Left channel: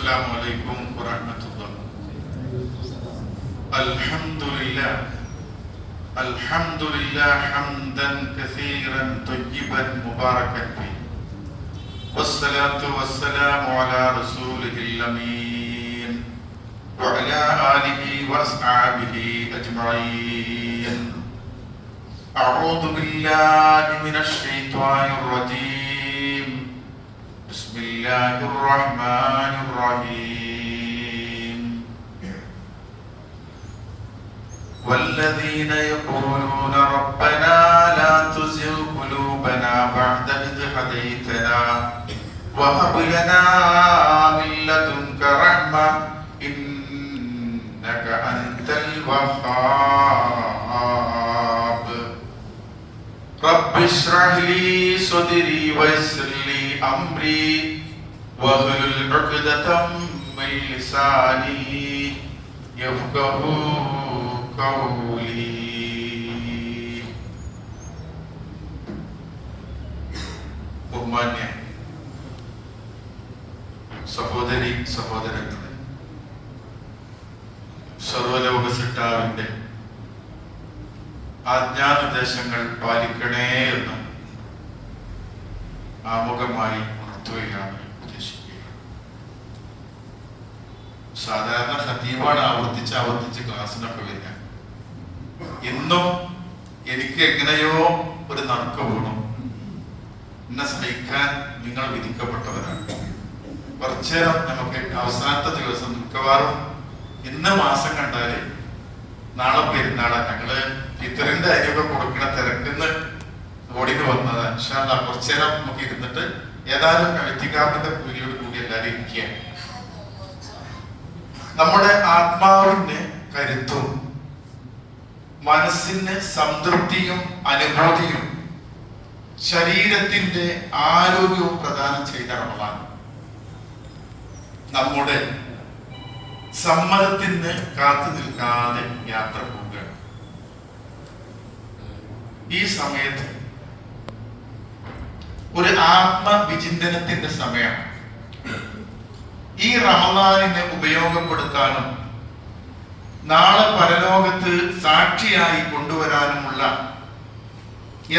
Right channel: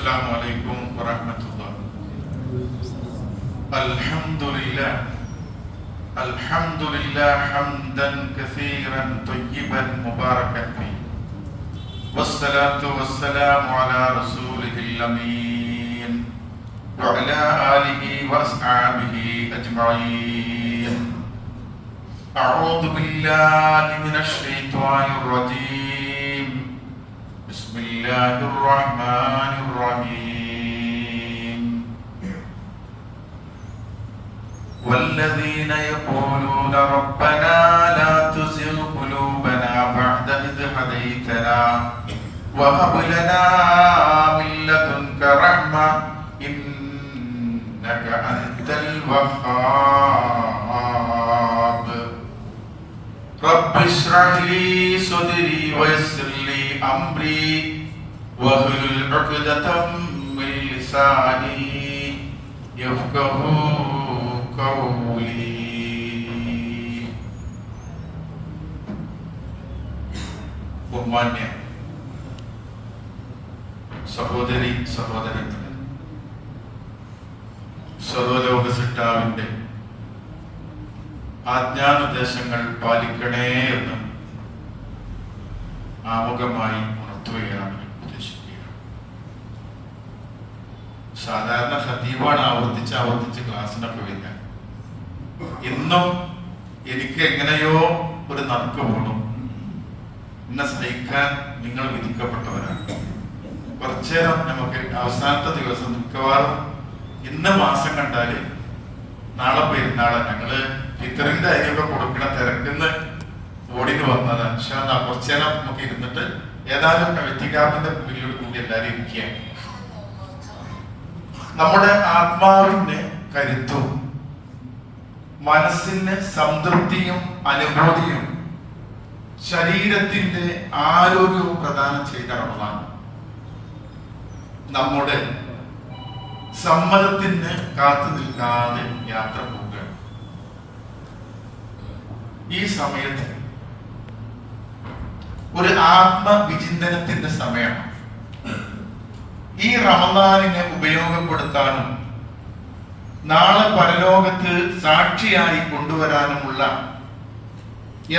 السلام عليكم ورحمة الله. الحمد لله حمدا كثيرا طيبا مباركا فيه، والصلاة والسلام على رسوله الأمين وعلى آله وأصحابه أجمعين. أعوذ بالله من الشيطان الرجيم. بسم الله الرحمن الرحيم. والذين يقولون ربنا لا تزغ قلوبنا بعد إذ هديتنا وهب لنا من لدنك رحمة إنك أنت الوهاب. رب اشرح لي صدري ويسر لي أمري واحلل عقدة من لساني يفقهوا قولي. ബഹുമാന്യ സഹോദരി സഹോദരങ്ങളെ, സർവലോക സൃഷ്ടാവിന്റെ ആജ്ഞാനിർദ്ദേശങ്ങൾ പാലിക്കണേ എന്ന് ആമുഖമായി ഉണർത്തുകയാണ്, ഉദ്ദേശിക്കുകയാണ്. സാധാരണ ഖതീബാണ് ആവർത്തിച്ച് ക്ലാസ്സിനൊക്കെ വരുന്നത്. ഇന്നും എനിക്ക് എങ്ങനെയോ ഒരു നറുക്ക് വീണു. എന്നെ സഹിക്കാൻ നിങ്ങൾ വിധിക്കപ്പെട്ടവരാണ്. കുറച്ചേരം നമുക്ക് അവസാനത്തെ ദിവസം മിക്കവാറും ഇന്ന് മാസം കണ്ടാല് നാളെ പെരുന്നാള് ഞങ്ങള് ഫിത്തറിന്റെ അരിയൊക്കെ കൊടുക്കണ തിരക്കുന്ന് ഓടിന് വന്നത്. പക്ഷെ കുറച്ചേരം നമുക്ക് ഇരുന്നിട്ട് ഏതായാലും എഴുത്തിക്കാപ്പിന്റെ കൂലിയോട് കൂടി എല്ലാവരും ഇരിക്കുകയാണ്. നമ്മുടെ ആത്മാവിന് കരുത്തും മനസ്സിന് സംതൃപ്തിയും അനുഭൂതിയും ശരീരത്തിന്റെ ആരോഗ്യവും പ്രദാനം ചെയ്ത റമദാൻ നമ്മുടെ സമ്മതത്തിന് കാത്തു നിൽക്കാതെ യാത്ര പോവുകയാണ്. ഈ സമയത്ത് ഒരു ആത്മവിചിന്തനത്തിന്റെ സമയമാണ്. ഈ റമദാനിനെ ഉപയോഗപ്പെടുത്താനും നാളെ പരലോകത്ത് സാക്ഷിയായി കൊണ്ടുവരാനുമുള്ള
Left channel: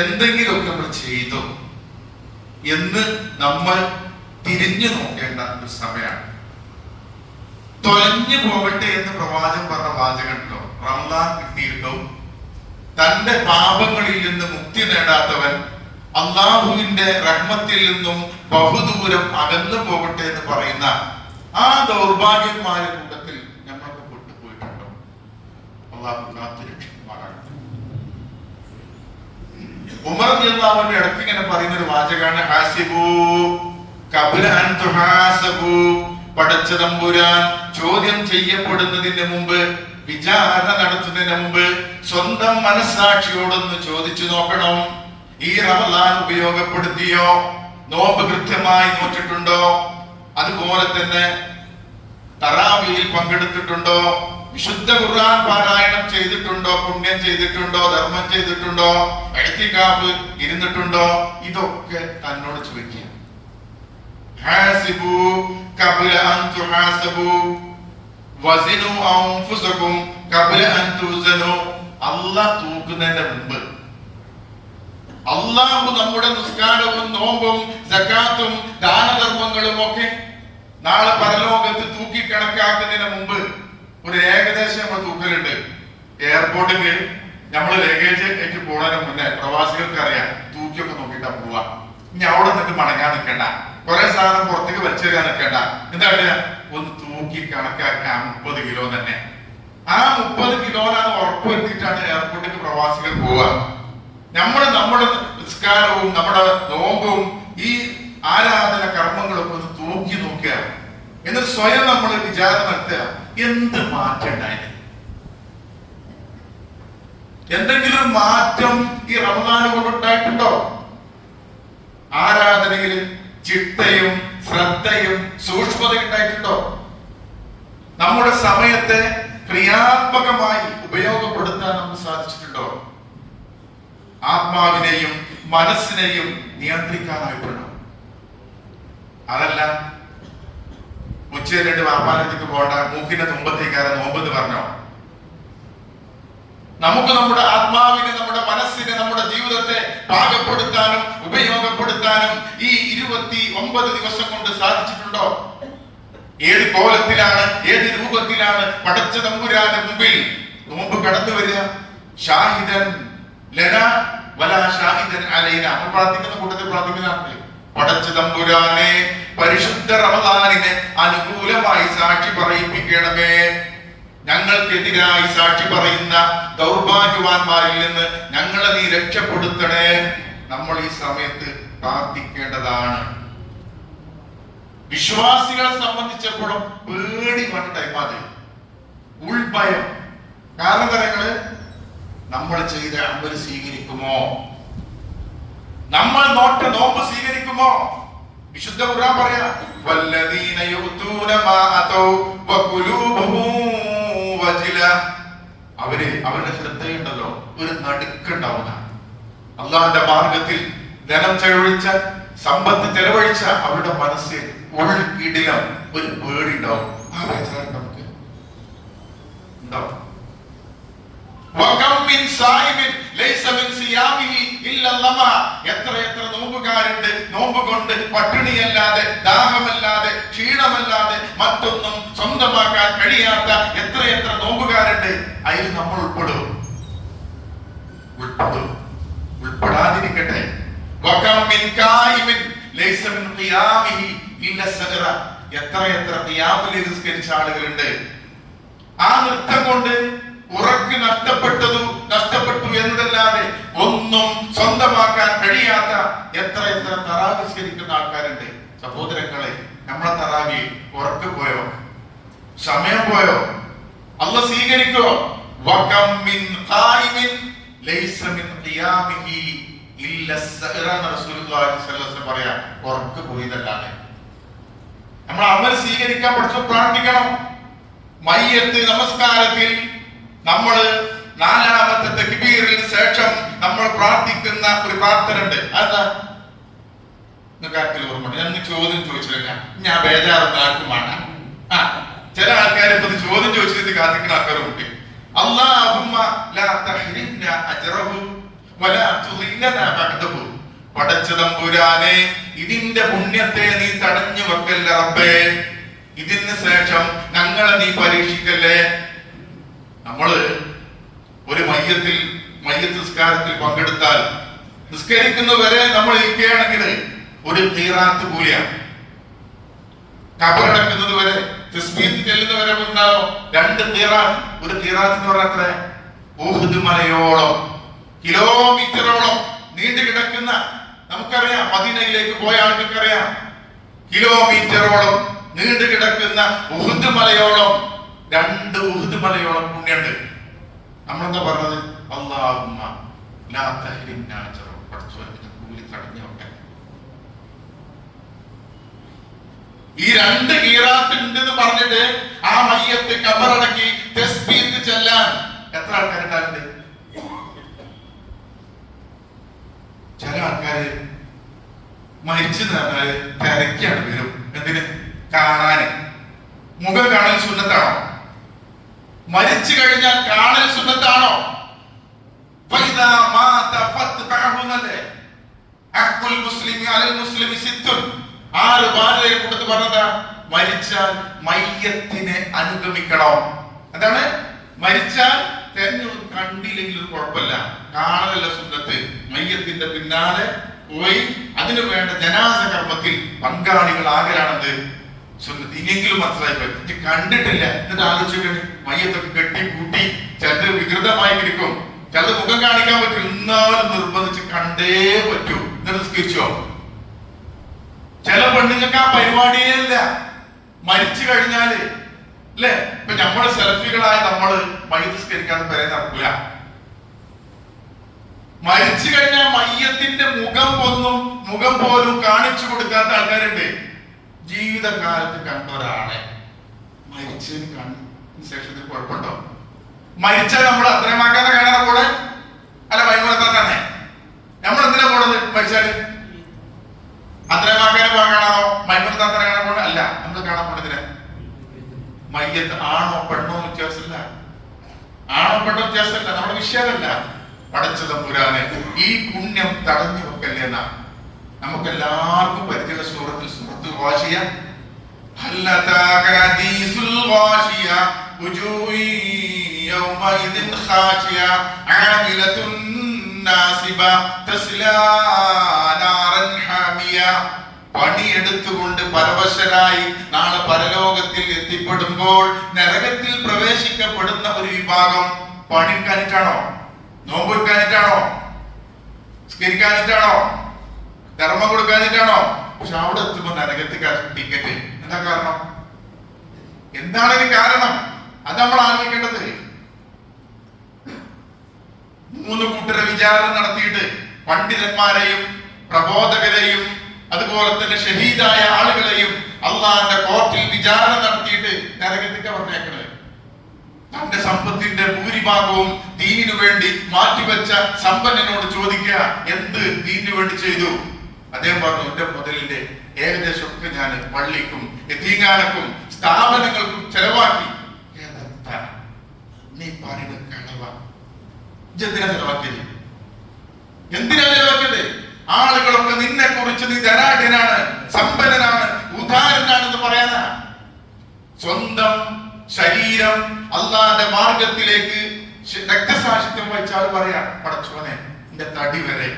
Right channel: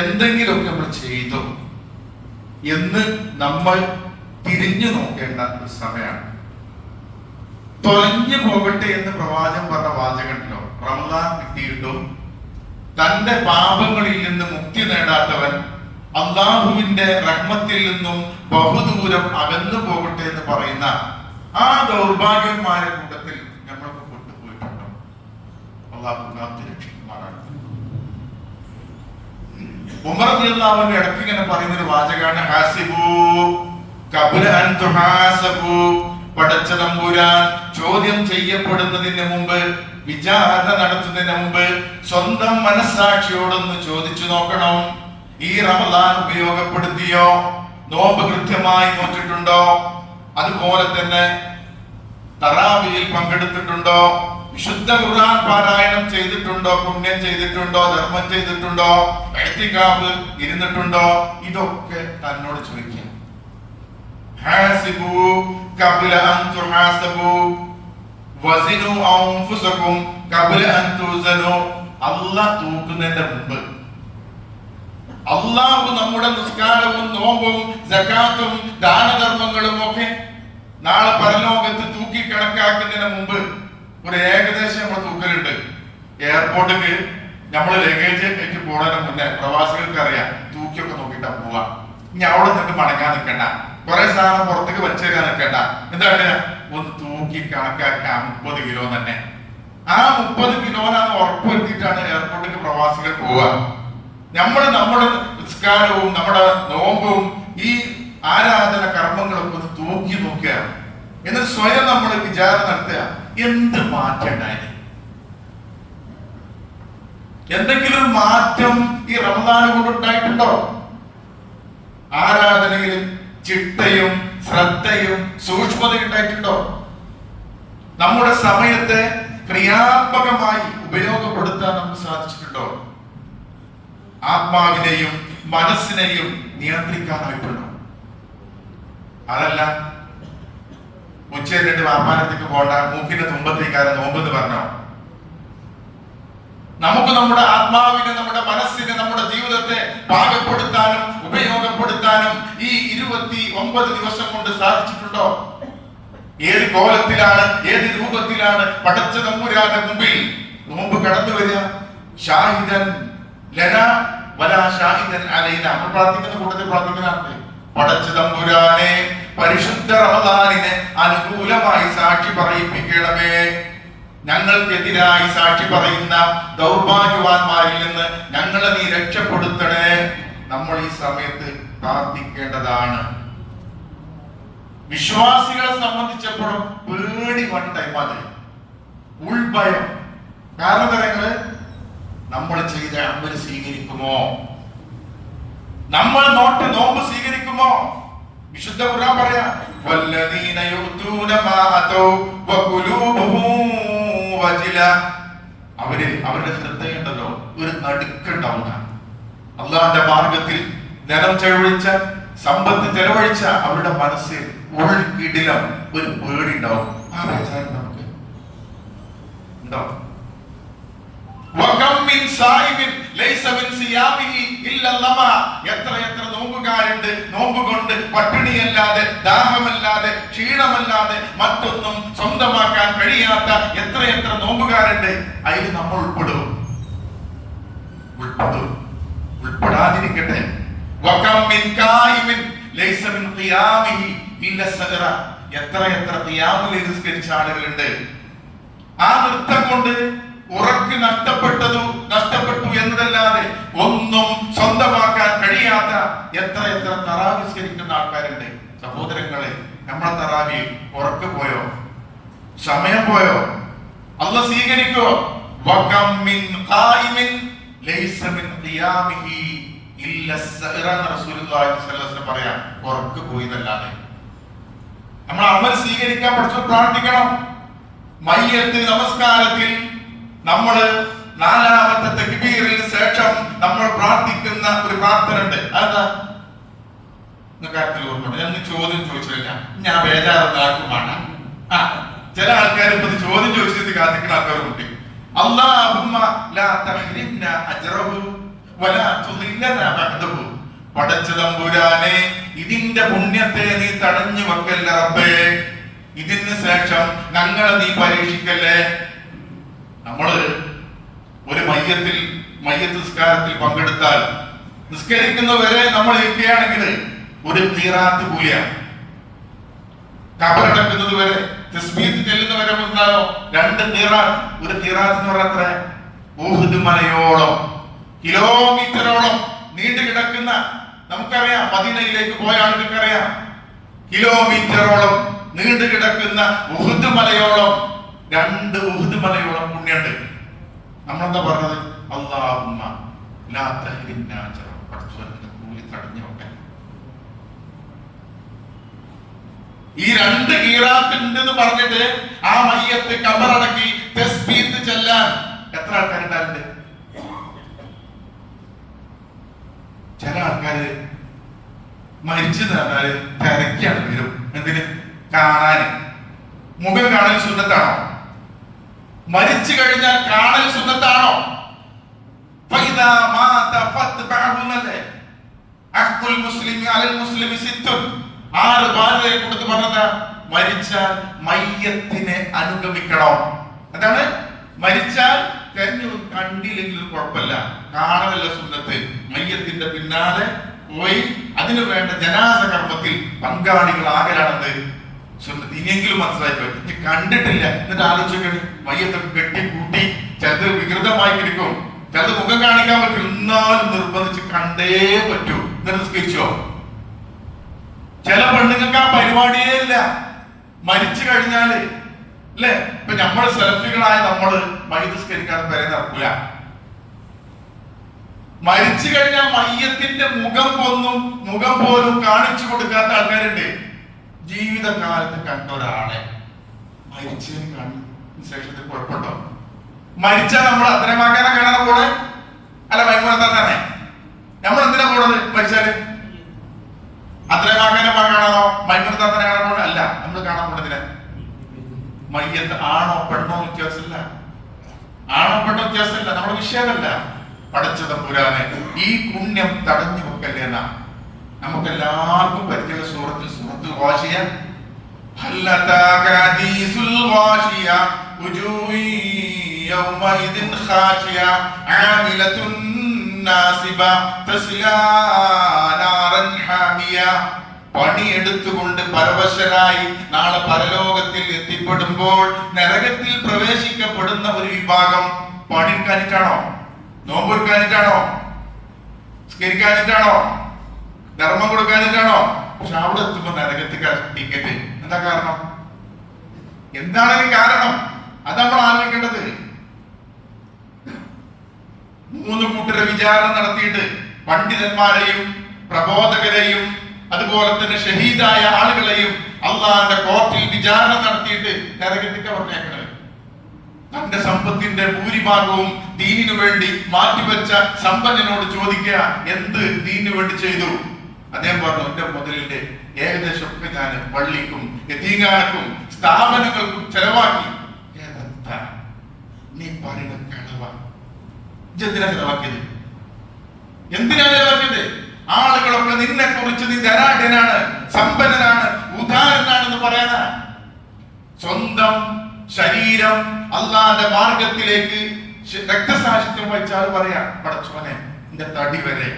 എന്തെങ്കിലുമൊക്കെ നമ്മൾ ചെയ്തു എന്ന് നമ്മൾ തിരിഞ്ഞു നോക്കേണ്ട ഒരു സമയമാണ്. തൊലഞ്ഞു പോകട്ടെ എന്ന് പ്രവാചകൻ പറഞ്ഞ വാചകമുണ്ടോ? റമദാൻ കിട്ടിയിട്ടും തന്റെ പാപങ്ങളിൽ നിന്ന് മുക്തി നേടാത്തവൻ അള്ളാഹുവിന്റെ റഹ്മത്തിൽ നിന്നും ബഹുദൂരം അകന്നു പോകട്ടെ എന്ന് പറയുന്ന ആ ദൗർഭാഗ്യന്മാരുടെ കൂട്ടത്തിൽ നമ്മളൊക്കെ കൊണ്ടുപോയിട്ടുണ്ടോ? അള്ളാഹു കാത്തുരക്ഷിക്കുമാറാണ്. ഉമർ റളിയല്ലാഹുവിന്റെ ഇടയ്ക്ക് ഇങ്ങനെ പറയുന്നൊരു വാചകമാണ്, ഹാസിബു ഖബ്ല അൻ തുഹാസബു. പടച്ച തമ്പുരാൻ ചോദ്യം ചെയ്യപ്പെടുന്നതിന് മുമ്പ്, വിചാരണ നടത്തുന്നതിന് മുമ്പ് സ്വന്തം മനസ്സാക്ഷിയോടൊന്ന് ചോദിച്ചു നോക്കണം. ഈ റമദാൻ ഉപയോഗപ്പെടുത്തിയോ? നോമ്പ് കൃത്യമായി നോറ്റിട്ടുണ്ടോ? അതുപോലെ തന്നെ തറാവിയിൽ പങ്കെടുത്തിട്ടുണ്ടോ? വിശുദ്ധ ഖുർആൻ പാരായണം ചെയ്തിട്ടുണ്ടോ? പുണ്യം ചെയ്തിട്ടുണ്ടോ? ധർമ്മം ചെയ്തിട്ടുണ്ടോ? ഇഅ്തികാഫ് ഇരുന്നിട്ടുണ്ടോ? ഇതൊക്കെ തന്നോട് ചോദിക്കുക. ഹാസിബു ഖബ്ല അൻ തുഹാസബു വസിനു അൻഫുസകും ഖബ്ല അൻ തുസനു. അല്ലാഹ് തൂക്കുന്നതിന്റെ മുമ്പ് അല്ലാഹു നമ്മുടെ നിസ്കാരവും നോമ്പും സകാത്തും ദാനധർമ്മങ്ങളും ഒക്കെ നാളെ പരലോകത്ത് തൂക്കി കണക്കാക്കുന്നതിന് മുമ്പ് ഒരു ഏകദേശം നമ്മൾ തൂക്കലുണ്ട്. എയർപോർട്ടിൽ നമ്മൾ ലഗേജ് ആയിട്ട് പോണതിന് മുന്നേ പ്രവാസികൾക്ക് അറിയാം തൂക്കിയൊക്കെ നോക്കിയിട്ടാ പോവാ. ഇനി അവിടെ നിന്നിട്ട് മടങ്ങാൻ നിൽക്കണ്ട, കുറെ സാധനം പുറത്തേക്ക് വലിച്ചെറിയാൻ നിൽക്കണ്ട. എന്താണ് ഒന്ന് തൂക്കി കണക്കാക്കാൻ 30 കിലോ തന്നെ. ആ 30 കിലോനാണ് ഉറപ്പുവരുത്തിയിട്ടാണ് എയർപോർട്ടിൽ പ്രവാസികൾ പോവുക. നമ്മുടെ നിസ്കാരവും നമ്മുടെ നോമ്പും ഈ ആരാധന കർമ്മങ്ങളൊക്കെ ഒന്ന് തൂക്കി നോക്കുക. എന്നിട്ട് സ്വയം നമ്മൾ വിചാരം നടത്തുക, എന്ത് മാറ്റം ഉണ്ടായി? എന്തെങ്കിലും മാറ്റം ഈ റമദാൻ കൊണ്ടുണ്ടായിട്ടുണ്ടോ? ആരാധനയിൽ ചിട്ടയും ശ്രദ്ധയും സൂക്ഷ്മതയും ഉണ്ടായിട്ടുണ്ടോ? നമ്മുടെ സമയത്തെ ക്രിയാത്മകമായി ഉപയോഗപ്പെടുത്താൻ നമുക്ക് സാധിച്ചിട്ടുണ്ടോ? ആത്മാവിനെയും മനസ്സിനെയും നിയന്ത്രിക്കാനായിട്ടുണ്ടോ? അതല്ല ഉച്ചയിലിട്ട് വാപ്പാനത്തേക്ക് പോകണ്ട, മൂക്കിന്റെ തുമ്പത്തേക്കാരൻ നോമ്പെന്ന് പറഞ്ഞോ? നമുക്ക് നമ്മുടെ ആത്മാവിനെ, നമ്മുടെ മനസ്സിനെ, നമ്മുടെ ജീവിതത്തെ പാകപ്പെടുത്താനും ഉപയോഗപ്പെടുത്താനും ഈ 29 ദിവസം കൊണ്ട് സാധിച്ചിട്ടുണ്ടോ? ഏത് കോലത്തിലാണ്, ഏത് രൂപത്തിലാണ് പടച്ച തമ്പുരാന്റെ മുമ്പിൽ നോമ്പ് കടന്നു വരിക? ഷാഹിദൻ ലന വലാ ഷാഹിദൻ അലൈന. നമ്മൾ പ്രാർത്ഥിക്കുന്ന കൂട്ടത്തിൽ പ്രാർത്ഥിക്കുന്നതാണ്, പടച്ച തമ്പുരാനെ പരിശുദ്ധ റമദാനിനെ അനുകൂലമായി സാക്ഷി പറയിപ്പിക്കണമേ. ഞങ്ങൾക്കെതിരായി സാക്ഷി പറയുന്ന ദൗർഭാഗ്യവാന്മാരിൽ നിന്ന് ഞങ്ങളെ നീ രക്ഷപ്പെടുത്തണേ. നമ്മൾ ഈ സമയത്ത് പ്രാർത്ഥിക്കേണ്ടതാണ്. വിശ്വാസികളെ സംബന്ധിച്ചപ്പോഴും പേടി വന്ന ടൈമാണ്, ഉൾഭയം. കാരണം കാര്യങ്ങള് നമ്മൾ ചെയ്ത അമല് സ്വീകരിക്കുമോ, നമ്മൾ നോമ്പ് സ്വീകരിക്കുമോ? വിശുദ്ധ ഖുർആൻ പറയാ, വല്ലദീന യുതൂന മാ അതൗ വഖുലൂബുഹും വജില. അവരുടെ ശ്രദ്ധയുണ്ടല്ലോ ഒരു നടുക്കുണ്ടാവുക. അള്ളാഹുവിന്റെ മാർഗത്തിൽ ധനം ചെലവഴിച്ച, സമ്പത്ത് ചെലവഴിച്ച അവരുടെ മനസ്സിൽ ഉൾക്കിടിലം ഒരു പേടി ഉണ്ടാവും. ആ വിചാരം നമുക്ക് ഉണ്ടാവും. എത്ര നോമ്പുകാരുണ്ട്, നോമ്പ് കൊണ്ട് പട്ടിണിയല്ലാതെ, ദാഹമല്ലാതെ, ക്ഷീണമല്ലാതെ മറ്റൊന്നും സ്വന്തമാക്കാൻ കഴിയാത്ത എത്ര നോമ്പുകാരുണ്ട്. അതിൽ നമ്മൾ ഉൾപ്പെടാതിരിക്കട്ടെ. എത്ര ഖിയാമുൽ നിസ്കരിച്ച ആളുകളുണ്ട്. ആ നൃത്തം കൊണ്ട് ഉറക്ക് നഷ്ടപ്പെട്ടു എന്നതല്ലാതെ ഒന്നും സ്വന്തമാക്കാൻ കഴിയാത്ത എത്ര തറാവി നിസ്കരിക്കുന്ന ആൾക്കാരുണ്ട്. സഹോദരങ്ങളെ, നമ്മളെ തറാവി ഉറക്ക് പോയോ? സമയം പോയോ? അല്ലാഹ് സ്വീകരിക്കോ? വകം മിൻ ഖായിമിൻ ലൈസ മിൻ ഖിയാമിഹി ഇല്ല സഅറ. റസൂലുള്ളാഹി സ്വല്ലല്ലാഹു അലൈഹി വസല്ലം പറയാ, ഉറക്ക് പോയതല്ലാതെ. നമ്മൾ അമൽ സ്വീകരിക്കാൻ പഠിച്ചു പ്രാർത്ഥിക്കണം. മയ്യത്ത് നമസ്കാരത്തിൽ നമ്മൾ 4ാമത്തെ തക്ബീറിന് ശേഷം നമ്മൾ പ്രാർത്ഥിക്കുന്ന ഒരു പ്രാർത്ഥന ഉണ്ട്. അതെന്താ? ഓർമ്മ? ഞാൻ ചോദ്യം ചോദിച്ചില്ല, ഞാൻ ബേജാറൊന്നും ആർക്കുമാണ്. ചില ആൾക്കാർ ഇപ്പൊ ചോദ്യം ചോദിച്ചിട്ട് കാത്തിക്കുന്ന ആൾക്കാരുണ്ട്. അല്ലാഹുമ്മ ലാ തഹ്രിംനാ അജ്റഹു വലാ തുദില്ലനാ ബഅദഹു. പടച്ച തമ്പുരാനെ, ഇതിന്റെ പുണ്യത്തെ നീ തടഞ്ഞു വെക്കല്ല റബ്ബേ. ഇതിന് ശേഷം ഞങ്ങളെ നീ പരീക്ഷിക്കല്ലേ. നമ്മള് ഒരു മയ്യത്ത് നിസ്കാരത്തിൽ പങ്കെടുത്താൽ, നിസ്കരിക്കുന്നവരെ നമ്മൾ ഇരിക്കുകയാണെങ്കിൽ ഒരു ഖിറാത്ത് കൂലിയാണ്. ഖബറടക്കുന്നത് വരെ, തസ്ബീഹ് ചെല്ലുന്നവരെ ഉണ്ടാകും 2 ഖിറാത്ത്. ഒരു ഖിറാത്ത് എന്ന് പറഞ്ഞാൽ ഉഹുദ് മലയോളം, കിലോമീറ്ററോളം നീണ്ടു കിടക്കുന്ന, നമുക്കറിയാം, മദീനയിലേക്ക് പോയ ആൾക്കറിയാം, കിലോമീറ്ററോളം നീണ്ടു കിടക്കുന്ന ഉഹുദ് മലയോളം, 2 ഉഹുദ് മലയോളം പുണ്യുണ്ട്. നമ്മളെന്താ പറഞ്ഞത്? അല്ലാഹുമ്മ ലാ തഹ്രിംനാ അജ്റഹു. പടച്ചവനെ കൂലി തടഞ്ഞു വെക്കാൻ. ഈ 2 ഖിറാത്ത് ഉണ്ടെന്ന് പറഞ്ഞിട്ട് ആ മയ്യത്ത് ഖബറടക്കി തസ്ബീഹ് ചെല്ലാൻ എത്ര ആൾക്കാരുണ്ടാകുന്നുണ്ട്? ചില ആൾക്കാര് മരിച്ചു പറഞ്ഞാല് തിരക്കാണ് വരും. എന്തിന്? കാണാന്. മുഖം കാണൽ സുന്നത്താണോ? മരിച്ചു കഴിഞ്ഞാൽ കാണൽ സുന്നത്താണോ? ആറ് ഭാര്യയെ കൊടുത്ത് പറഞ്ഞതാ, മരിച്ചാൽ മയ്യത്തിനെ അനുഗമിക്കണം. അതാണ് മരിച്ചാൽ കണ്ടില്ലെങ്കിലും കുഴപ്പമില്ല, കാണലല്ല സുന്നത്ത്. മയ്യത്തിന്റെ പിന്നാലെ പോയി അതിനു വേണ്ട ജനാസ കർമ്മത്തിൽ പങ്കാളികളാകലാണത് സുന്നത്ത്. ഇനിയെങ്കിലും മനസ്സിലായിപ്പോയി. നീ കണ്ടിട്ടില്ല എന്നിട്ട് ആലോചിക്കണം. മയ്യത്തൊക്കെ കെട്ടി കൂട്ടി ചിലത് വികൃതമായി ഇരിക്കും, ചിലത് മുഖം കാണിക്കാൻ പറ്റും, എന്നാലും നിർബന്ധിച്ച് കണ്ടേ പറ്റൂ. നിസ്കരിച്ചോ? ചില പെണ്ണുങ്ങൾക്ക് ആ പരിപാടിയേ ഇല്ല. മരിച്ചു കഴിഞ്ഞാല് അല്ലെ, ഇപ്പൊ നമ്മൾ സെൽഫികളായ നമ്മള് മയ്യസ്കരിക്കാതെ വരെ നടക്കില്ല. മരിച്ചു കഴിഞ്ഞാൽ മയ്യത്തിന്റെ മുഖം പോലും കാണിച്ചു കൊടുക്കാത്ത ആൾക്കാരുണ്ട്. ജീവിതകാലത്ത് കണ്ട ഒരാളെ മരിച്ചതിന് ശേഷത്തിൽ കുഴപ്പമുണ്ടോ? മരിച്ചാൽ നമ്മൾ അത്രമാക്കാനെ കാണാൻ കൂടെ അല്ല മൈമൂനത്താനെ നമ്മൾ എന്തിനാ പോണത്? മരിച്ചാല് അത്രമാക്കാനെ കാണാനോ മൈമൂനത്താനെ കാണാൻ പോണ അല്ല. നമ്മൾ കാണാൻ പോണതിന് മയ്യത്ത് ആണോ പെണ്ണോ വ്യത്യാസമില്ല, ആണോ പെണ്ണോ വ്യത്യാസമില്ല, നമ്മുടെ വിഷയമല്ല. പടച്ച തമ്പുരാനെ ഈ പുണ്യം തടഞ്ഞു വെക്കല്ലേ എന്നാ നമുക്കെല്ലാവർക്കും പരിചയ സൂറത്തുൽ ഗാശിയ. ഹൽ അതാക ഹദീസുൽ ഗാശിയ വജൂഹി യൗമഇദിൻ ഖാശിയ ആമിലത്തുൻ നാസിബ തസ്ലാ നാറൻ ഹാമിയ. പണിയെടുത്തുകൊണ്ട് പരവശരായി നാളെ പരലോകത്തിൽ എത്തിപ്പെടുമ്പോൾ നരകത്തിൽ പ്രവേശിക്കപ്പെടുന്ന ഒരു വിഭാഗം പണിക്കാനിട്ടാണോ, നോമ്പെടുക്കാനിട്ടാണോ, സ്കരിക്കാനിട്ടാണോ, ധർമ്മം കൊടുക്കാനിട്ടാണോ? പക്ഷെ അവിടെ എത്തുമ്പോ നരകത്തിൽ ടിക്കറ്റ്. എന്താ കാരണം? എന്താണ് ഇതിന് കാരണം? അത് നമ്മൾ ആലോചിക്കേണ്ടത്. 3 കൂട്ടരെ വിചാരണ നടത്തിയിട്ട് പണ്ഡിതന്മാരെയും പ്രബോധകരെയും അതുപോലെ തന്നെ ഷഹീദായ ആളുകളെയും അള്ളാഹുവിന്റെ കോർട്ടിൽ വിചാരണ നടത്തിയിട്ട് നരകത്തിൽ പറഞ്ഞേക്കണത്. തന്റെ സമ്പത്തിന്റെ ഭൂരിഭാഗവും ദീനിനു വേണ്ടി മാറ്റിവെച്ച സമ്പന്നനോട് ചോദിക്കുക, എന്ത് ദീനിനു വേണ്ടി ചെയ്തു? അദ്ദേഹം പറഞ്ഞു, എന്റെ മുതലിന്റെ ഏകദേശം ഒക്കെ ഞാൻ പള്ളിക്കും യതീംഖാനക്കും സ്ഥാപനങ്ങൾക്കും ചെലവാക്കി. നീ പറയുന്നത് കളവ. എന്തിനാ ചെലവാക്കിയത്? എന്തിനാ ചെലവാക്കിയത്? ആളുകളൊക്കെ നിന്നെ കുറിച്ച് നീ ധനാഢ്യനാണ്, സമ്പന്നനാണ്, ഉദാരനാണെന്ന് പറയാന സ്വന്തം ശരീരം അല്ലാതെ മാർഗത്തിലേക്ക് രക്തസാക്ഷിത്വം വഹിച്ചാൽ പറയാ, പടച്ചോനെ എന്റെ തടി വരെ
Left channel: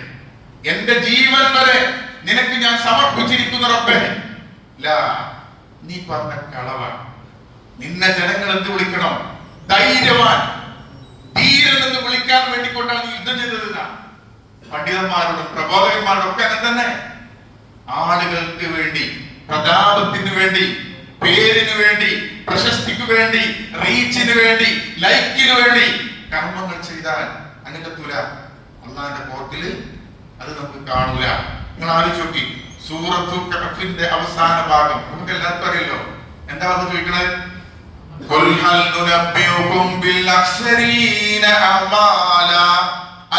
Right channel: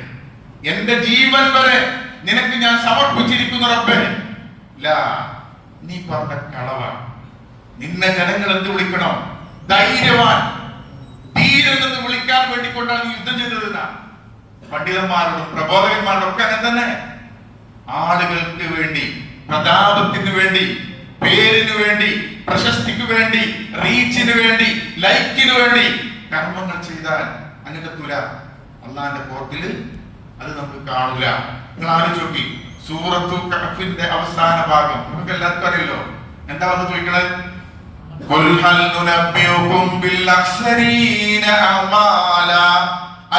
എന്റെ ജീവൻ വരെ നിനക്ക് ഞാൻ സമർപ്പിച്ചിരിക്കുന്ന റബ്ബേ. നീ പറഞ്ഞ കളവാണ്. നിന്നെ ജനങ്ങൾ എന്ത് വിളിക്കണം? ധൈര്യവാൻ, ധീരൻ എന്ന് വിളിക്കാൻ വേണ്ടിക്കൊണ്ടാണ് യുദ്ധം ചെയ്തത്. പണ്ഡിതന്മാരോടും പ്രബോധകന്മാരോടും ഒക്കെ അങ്ങനെ തന്നെ. ആളുകൾക്ക് വേണ്ടി, പ്രതാപത്തിന് വേണ്ടി, പേരിന് വേണ്ടി, പ്രശസ്തിക്ക് വേണ്ടി, റീച്ചിന് വേണ്ടി, ലൈക്കിന് വേണ്ടി കർമ്മങ്ങൾ ചെയ്താൽ അനുകത്തൂല. അള്ളാന്റെ കോർട്ടിൽ അത് നമുക്ക് കാണൂല. നിങ്ങൾ ആലോചിച്ച് നോക്കി, സൂറത്തുൽ കഹ്ഫിന്റെ അവസാന ഭാഗം നമുക്ക് എല്ലാവർക്കും അറിയല്ലോ. എന്താ പറഞ്ഞു ചോദിക്കണത്? ഖുൽ ഹൽ നുനബ്ബിഉകും ബിൽ അഖ്സരീന അമാല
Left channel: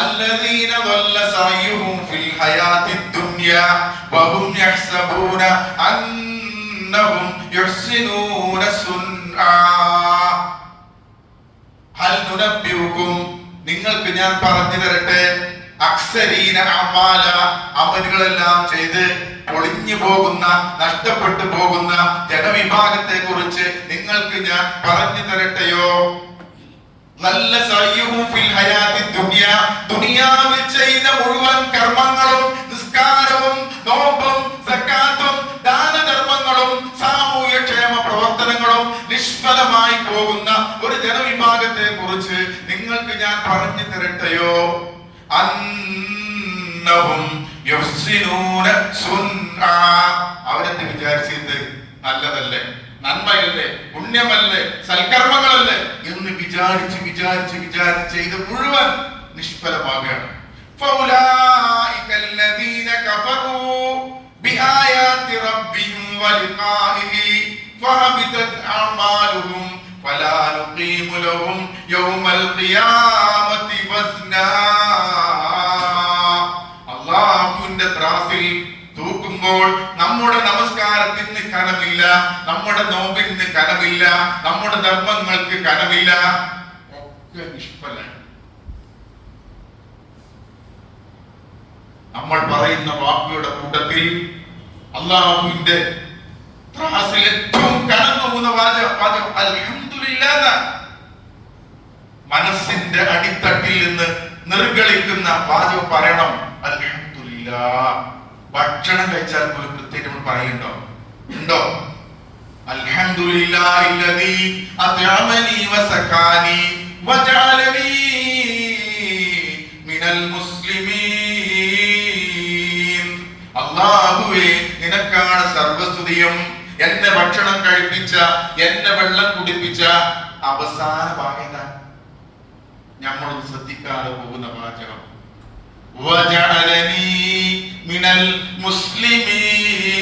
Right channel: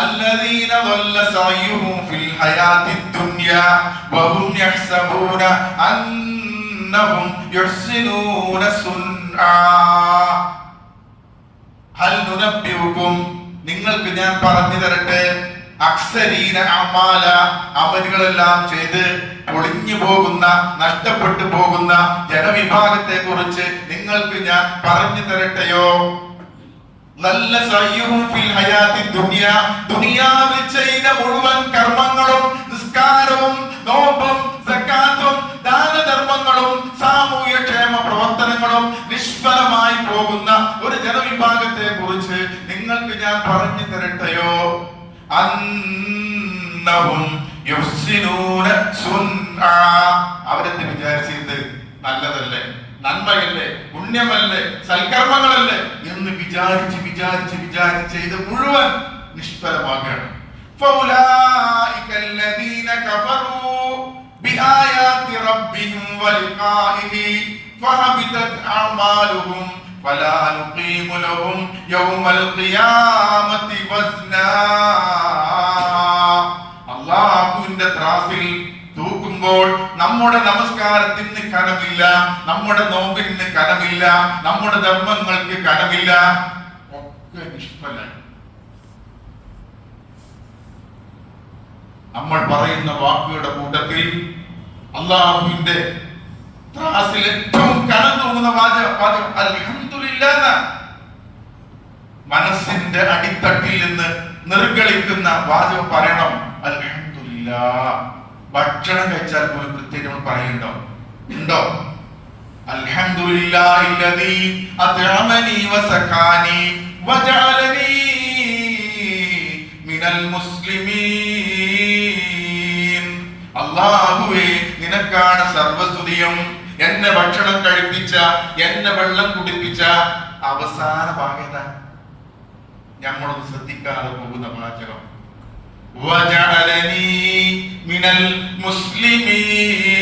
الذين ضل سعيهم في الحياة الدنيا وهم يحسبون أنهم يحسنون صنعا. هل ننبئكم നിങ്ങൾക്ക് ഞാൻ പറഞ്ഞു തരട്ടെ, അക്സരീന അമാല അമലുകളെല്ലാം ചെയ്ത് ഒളിഞ്ഞു പോകുന്ന, നഷ്ടപ്പെട്ടു പോകുന്ന ജനവിഭാഗത്തെ കുറിച്ച് നിങ്ങൾക്ക് ഞാൻ പറഞ്ഞു തരട്ടെയോ? നല്ല ദുനിയാവിൽ ചെയ്ത മുഴുവൻ കർമ്മങ്ങളും, നിസ്കാരവും നോമ്പും സക്കാത്തും ദാനധർമ്മങ്ങളും സാമൂഹ്യക്ഷേമ പ്രവർത്തനങ്ങളും നിഷ്ഫലമായി പോകുന്ന ഒരു ജനവിഭാഗത്തെ കുറിച്ച് നിങ്ങൾക്ക് ഞാൻ പറഞ്ഞു തരട്ടെയോ? അന്നഹും യുഹ്സിനൂന സുൻആ. അവരെന്ത് വിചാരിച്ചത്? നല്ലതല്ലേ, നന്മയല്ലേ, പുണ്യമല്ലേ, സൽക്കർമ്മങ്ങളല്ലേ എന്ന് വിചാരിച്ച് വിചാരിച്ച് വിചാരിച്ച് ചെയ്ത് മുഴുവൻ നിഷ്ഫലമാകുകയാണ്. فَأُولَٰئِكَ الَّذِينَ كَفَرُوا بِآيَاتِ رَبِّهِمْ وَلِقَائِهِ فَحَبِطَتْ أَعْمَالُهُمْ فَلَا نُقِيمُ لَهُمْ يَوْمَ الْقِيَامَةِ وَزْنًا. അല്ലാഹുവിന്റെ ത്രാസിൽ തൂക്കുമ്പോൾ നമ്മുടെ നമസ്കാരത്തിന് കനമില്ല, നമ്മുടെ നോമ്പിന് കനമില്ല, നമ്മുടെ ധർമ്മങ്ങൾക്ക് കനമില്ല, ഒക്കെ നിഷ്ഫലമാണ്. നമ്മൾ പറയുന്ന വാക്കുകളുടെ കൂട്ടത്തിൽ അല്ലാഹുവിന്റെ ത്രാസിൽ ഏറ്റവും കനം തൂങ്ങുന്ന വാചകം അൽഹംദുലില്ലാഹ്. മനസ്സിന്റെ അടിത്തട്ടിൽ നിന്ന് നിർഗളിക്കുന്ന വാചകം പറയണം, അൽഹംദുലില്ലാഹ്. ഭക്ഷണം കഴിച്ചാൽ പോലും പ്രത്യേകം നമ്മൾ പറയുന്നുണ്ടോ? ഉണ്ടോ? അൽഹംദുലില്ലാഹില്ലദീ അത്അമനി വസഖാനി വജഅലനി മിനൽ മുസ്ലിമീൻ. അല്ലാഹുവേ, നിനക്കാണ് സർവസ്തുതിയും. എന്നെ ഭക്ഷണം കഴിപ്പിച്ച, എന്നെ വെള്ളം കുടിപ്പിച്ച. അവസാന ഭാഗം നമ്മളൊന്ന് ശ്രദ്ധിക്കാതെ പോകുന്ന വാചകം, വജഅലനി മിനൽ മുസ്ലിമീൻ.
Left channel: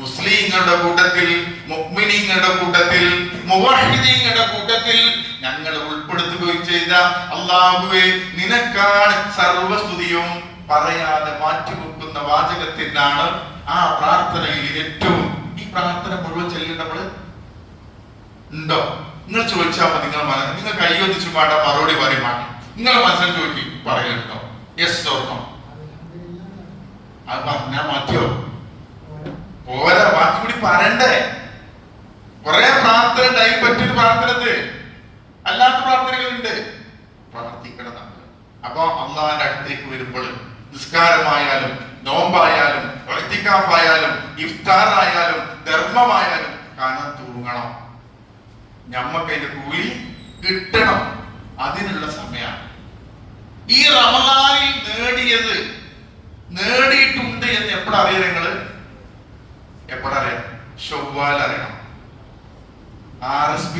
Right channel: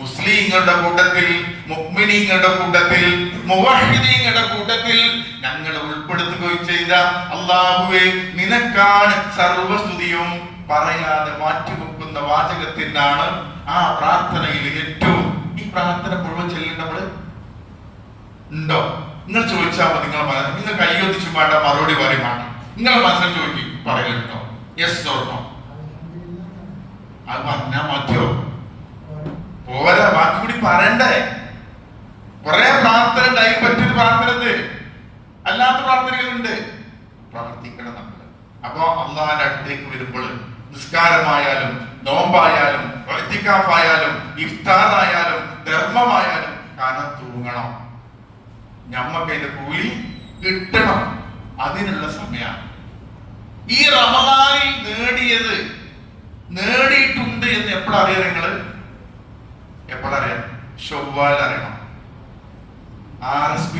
മുസ്ലിങ്ങളുടെ കൂട്ടത്തിൽ, മുഅ്മിനീങ്ങളുടെ കൂട്ടത്തിൽ, മുവഹ്ഹിദീങ്ങളുടെ കൂട്ടത്തിൽ ഞങ്ങൾ ഉൾപ്പെടുത്തുകയും ചെയ്ത അല്ലാഹുവേ, നിനക്കാണ് സർവസ്തുതിയും പറയാതെ മാറ്റിവെക്കുന്ന വാചകത്തിനാണ് ആ പ്രാർത്ഥനയിൽ ഏറ്റവും. ഈ പ്രാർത്ഥന മുഴുവൻ ചെല്ലുന്നവള് ഉണ്ടോ? നിങ്ങൾ ചോദിച്ചാൽ മതി. നിങ്ങൾ കൈയൊന്നിച്ചു വേണ്ട മറുപടി പറയും. നിങ്ങൾ മനസ്സിൽ ചോദിക്കും, പറയലുണ്ടോ? Yes or no? അത് പറഞ്ഞാൽ മതിയോ? പോരാ, ബാക്കി കൂടി പറയണ്ടേ? കുറെ പ്രാർത്ഥന ഉണ്ടായി പറ്റൊരു പ്രാർത്ഥന, അല്ലാത്ത പ്രാർത്ഥനകളുണ്ട്. പ്രാർത്ഥിക്കണം നമ്മൾ. അപ്പൊ അള്ളാഹിന്റെ അടുത്തേക്ക് വരുമ്പോൾ നിസ്കാരമായാലും നോമ്പായാലും ഇഅ്തികാഫായാലും ഇഫ്താറായാലും ധർമ്മമായാലും കാണാൻ തൂങ്ങണം. ഞമ്മക്ക് അതിന്റെ കൂലി കിട്ടണം. അതിനുള്ള സമയമാണ്. ഈ റമദാനിൽ നേടിയത് നേടിയിട്ടുണ്ട് എന്ന് എപ്പോഴറിയാം? നിങ്ങള് എപ്പോഴറിയാം? ശവ്വാൽ അറിയണം. RSP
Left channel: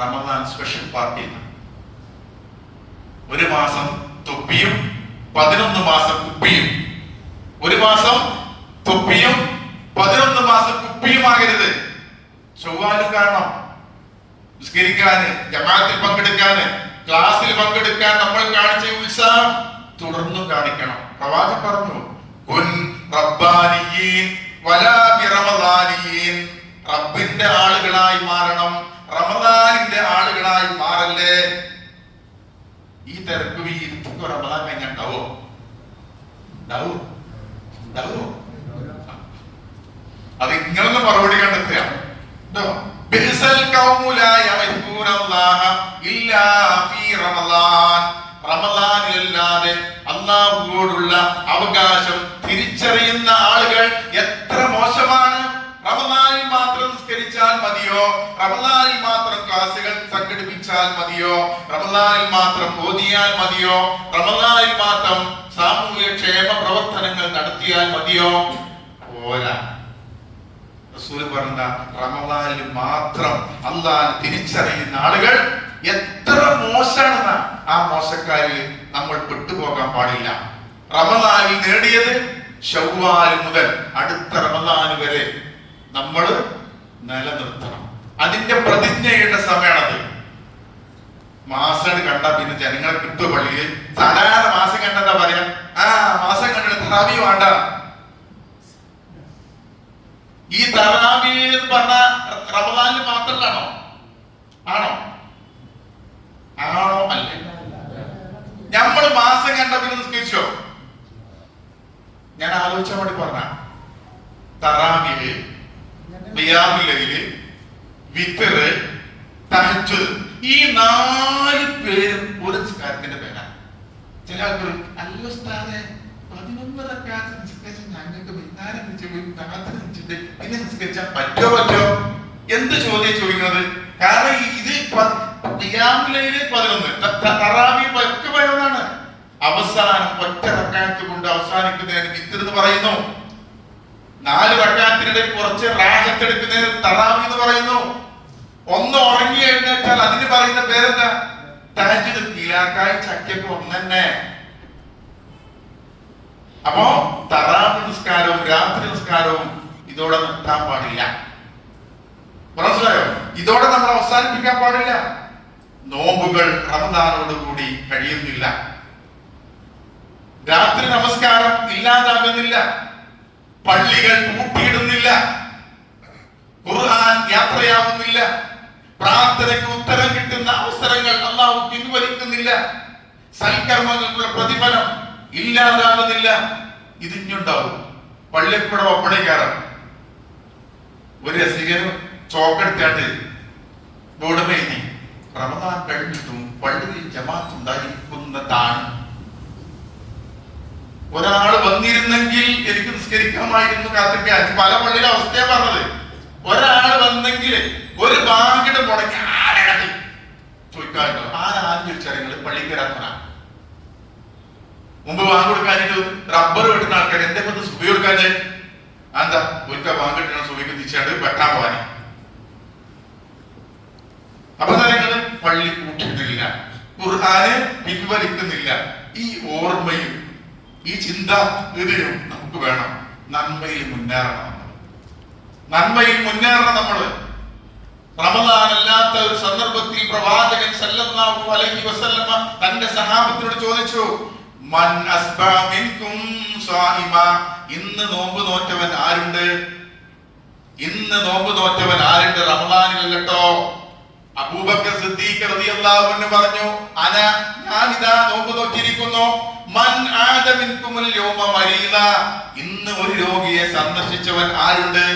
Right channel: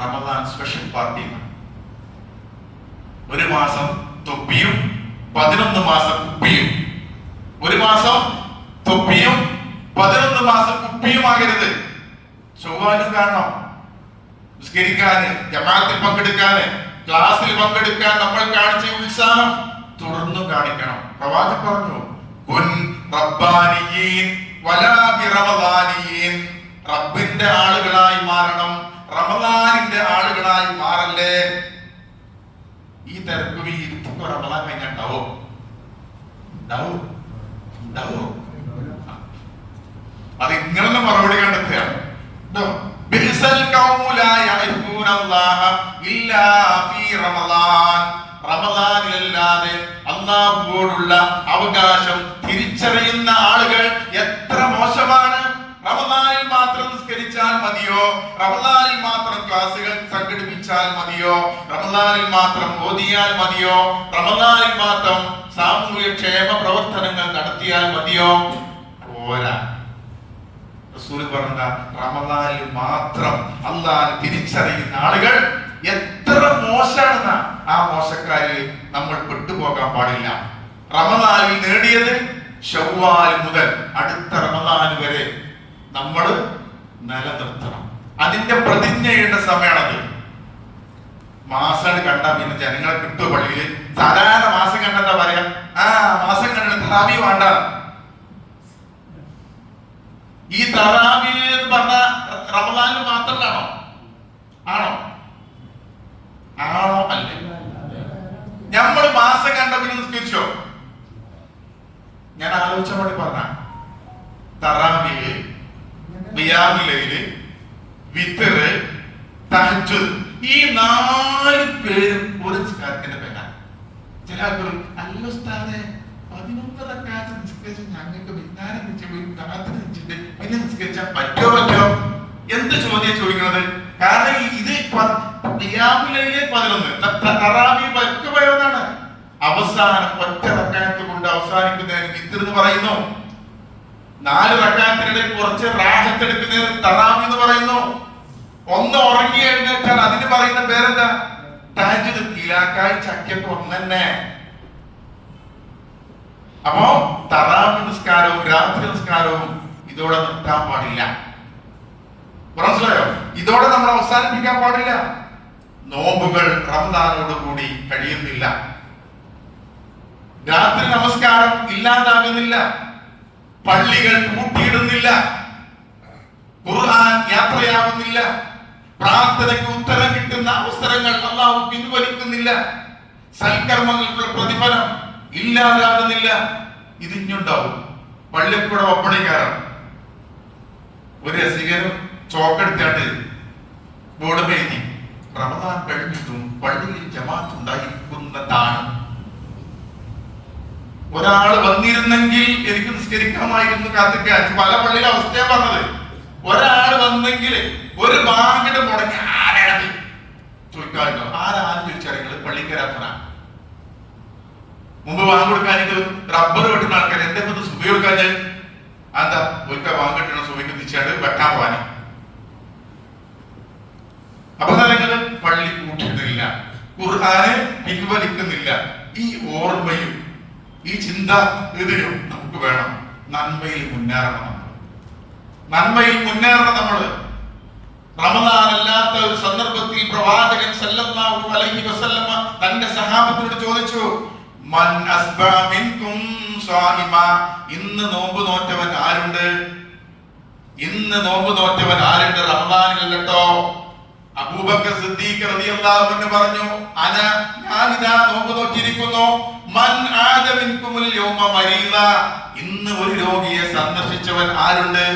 Ramadan special party. ഒരു മാസം തൊപ്പിയും 11 മാസം കുപ്പിയും. ഒരു മാസം തൊപ്പിയും 11 മാസം കുപ്പിയുമാകരുത്. ശവ്വാലും കാണണം. നിസ്കരിക്കാന്, ജമാഅത്തിൽ പങ്കെടുക്കാന്, ക്ലാസ്സിൽ പങ്കെടുക്കാൻ നമ്മൾ കാണിച്ച ഉത്സാഹം തുടർന്നും കാണിക്കണം. പ്രവാചകൻ പറഞ്ഞു, കുൻ റബ്ബാനിയീൻ വലാ ബിറമദാനിയീൻ. റബ്ബിന്റെ ആളുകളായി മാറണം, റമദാനിന്റെ ആളുകളായി മാറല്ലേ. ഈ തിരക്ക് ഈ ഇരുത്തൊക്കെ റമദാൻ കഴിഞ്ഞാൽ ഉണ്ടാവോ? അത് ഇങ്ങനെ മറുപടി കണ്ടെത്തുക. റമദാനിലല്ലാതെ അല്ലാഹുവോടുള്ള അവകാശം തിരിച്ചറിയുന്ന ആളുകൾ എത്ര മോശമാണ്. റമദാനിൽ മാത്രം നിസ്കരിച്ചാൽ മതിയോ? റമദാനിൽ മാത്രം ക്ലാസുകൾ സംഘടിപ്പിച്ചാൽ മതിയോ? റമദാനിൽ മാത്രം ഓതിയാൽ മതിയോ? റമദാനിൽ മാത്രം സാമൂഹിക ക്ഷേമ പ്രവർത്തനങ്ങൾ നടത്തിയാൽ മതിയോ? പോരാ. റസൂൽ പറഞ്ഞ റമദാനിൽ മാത്രം അല്ലാഹു തിരിച്ചറിയുന്ന ആളുകൾ എത്ര മോശമാണെന്ന ആ മോശക്കാരിൽ നമ്മൾ പെട്ടുപോകാൻ പാടില്ല. റമദാനിൽ നേടിയത് ശവ്വാൽ മുതൽ അടുത്ത റമദാൻ വരെ നമ്മൾ നിലനിർത്തണം. അതിന്റെ പ്രതിജ്ഞയുടെ സമയമാണത്. മാസം കണ്ട പിന്നെ ജനങ്ങളെ കിട്ടും. പള്ളിയിൽ സാധാരണ മാസം കണ്ടെന്താ പറയാ? മാസം കണ്ടിട്ട് തറാവി വേണ്ട. ഈ തറാവി എന്ന് പറഞ്ഞ റമദാനിൽ മാത്രമാണോ? ആണോ? അല്ലേ? നമ്മള് മാസം കണ്ട പിന്നെ നിസ്കരിച്ചോ? ഞാൻ ആലോചിച്ച വേണ്ടി പറഞ്ഞ തറാവിയില്, ഖിയാമുല്ലൈല്, വിത്റ്, തഹജ്ജുദ്, ഈ 4 പേരും ഒരു നിസ്കാരത്തിന്റെ പേരാണ്. ചില ആൾക്കാർ അല്ല ഉസ്താദേ 11 റക്അത്ത് നിസ്കരിച്ച് ഞങ്ങൾക്ക് വിജ്ഞാനം വെച്ച് പിന്നെ നിസ്കരിച്ചാൽ പറ്റോ? എന്ത് ചോദിക്കുന്നത്? കാരണം ഇത് ഖിയാമുല്ലൈല് 11, തറാവി 11 അവസാനം ഒറ്റ റക്അത്ത് കൊണ്ട് അവസാനിക്കുന്നതിന് വിത്ർ എന്ന് പറയുന്നു. 4 റക്അത്തിനിടയിൽ കുറച്ച് റാഹത്ത് എടുക്കുന്നതിന് തറാവി എന്ന് പറയുന്നു. ഒന്ന് ഉറങ്ങി എഴുന്നേറ്റാൽ അതിന് പറയുന്ന പേരെന്താ? തഹജ്ജുദ്. കിലാക്കായി ചക്കയൊക്കെ ഒന്ന് തന്നെ. അപ്പോ തറാവി നിസ്കാരവും രാത്രി നിസ്കാരവും ഇതോടെ നിർത്താൻ പാടില്ല. മനസ്സിലായോ? ഇതോടെ നമ്മൾ അവസാനിപ്പിക്കാൻ പാടില്ല. നോമ്പുകൾ റമദാനോട് കൂടി കഴിയുന്നില്ല. രാത്രി നമസ്കാരം ഇല്ലാതാകുന്നില്ല. പള്ളികൾ പൂട്ടിയിടുന്നില്ല. ഖുർആൻ യാത്രയാവുന്നില്ല. പ്രാർത്ഥനയ്ക്ക് ഉത്തരം കിട്ടുന്ന അവസരങ്ങൾ അല്ലാഹു പിൻവലിക്കുന്നില്ല. സൽക്കർമ്മങ്ങൾക്കുള്ള പ്രതിഫലം ഇല്ലാതാകുന്നില്ല. ഇതിഞ്ഞുണ്ടാവും. പള്ളിക്കൂടെ ഒപ്പണിക്കാരൻ ഒരു രസികനും ചോക്കെടുത്താണ്ട് ബോർഡ് എഴുതി, റമദാൻ കഴിഞ്ഞിട്ടും പള്ളിയിൽ ജമാഅത്ത് ഉണ്ടായിരിക്കുന്നതാണ്. ഒരാള് വന്നിരുന്നെങ്കിൽ എനിക്ക് നിസ്കരിക്കാമായിരുന്നു കാത്തിക്കാൻ. പല പള്ളിയിലെ അവസ്ഥയാ പറഞ്ഞത്. ഒരാള് വന്നെങ്കിൽ ഒരു ബാങ്കിന്റെ മുടങ്ങി ആരാണ് ചോദിക്കാറുണ്ടോ? ആരാണ് ചോദിച്ചാൽ നിങ്ങൾ പള്ളിക്കരാത്തന മുമ്പ് ബാങ്ക് കൊടുക്കാനായിട്ട് റബ്ബർ വെട്ടുന്ന ആൾക്കാർ എന്റെ കൊണ്ട് സുബൈ കൊടുക്കാന് എന്താ ഒരിക്കൽ ബാങ്ക് കെട്ടണ സുബൈക്ക് തിരിച്ചാണ്ട് വെട്ടാൻ പോവാന്. അപ്പൊ നിങ്ങള് പള്ളി കൂട്ടിയിട്ടില്ല, ഖുർആന് പിൻവലിക്കുന്നില്ല. ഈ ഓർമ്മയും ഈ ചിന്ത ഇതിനും നമുക്ക് വേണം. നന്മയിൽ മുന്നേറണം. നമ്മള് റമദാൻ അല്ലാത്ത ഒരു സന്ദർഭത്തിൽ പ്രവാചകൻ സല്ലല്ലാഹു അലൈഹി വസല്ലമ തന്റെ സഹാബത്തിനോട് ചോദിച്ചു, മൻ അസ്ബഹ മിൻകും സായിമ, ഇന്ന് നോമ്പ് നോറ്റവൻ ആരുണ്ട്? ഇന്ന് ഇന്ന് നോമ്പ് നോറ്റവൻ ആരുണ്ട്? റമദാനിലല്ലോ. അബൂബക്കർ സിദ്ദീഖ് റളിയല്ലാഹു അൻഹു പറഞ്ഞു, ഞാനിതാ നോമ്പ് നോറ്റിരിക്കുന്നു. മൻ ആദ മിൻകുമുൽ യൗമ മരീദ, ഇന്ന് ഒരു രോഗിയെ സന്ദർശിച്ചവൻ ആരുണ്ട്?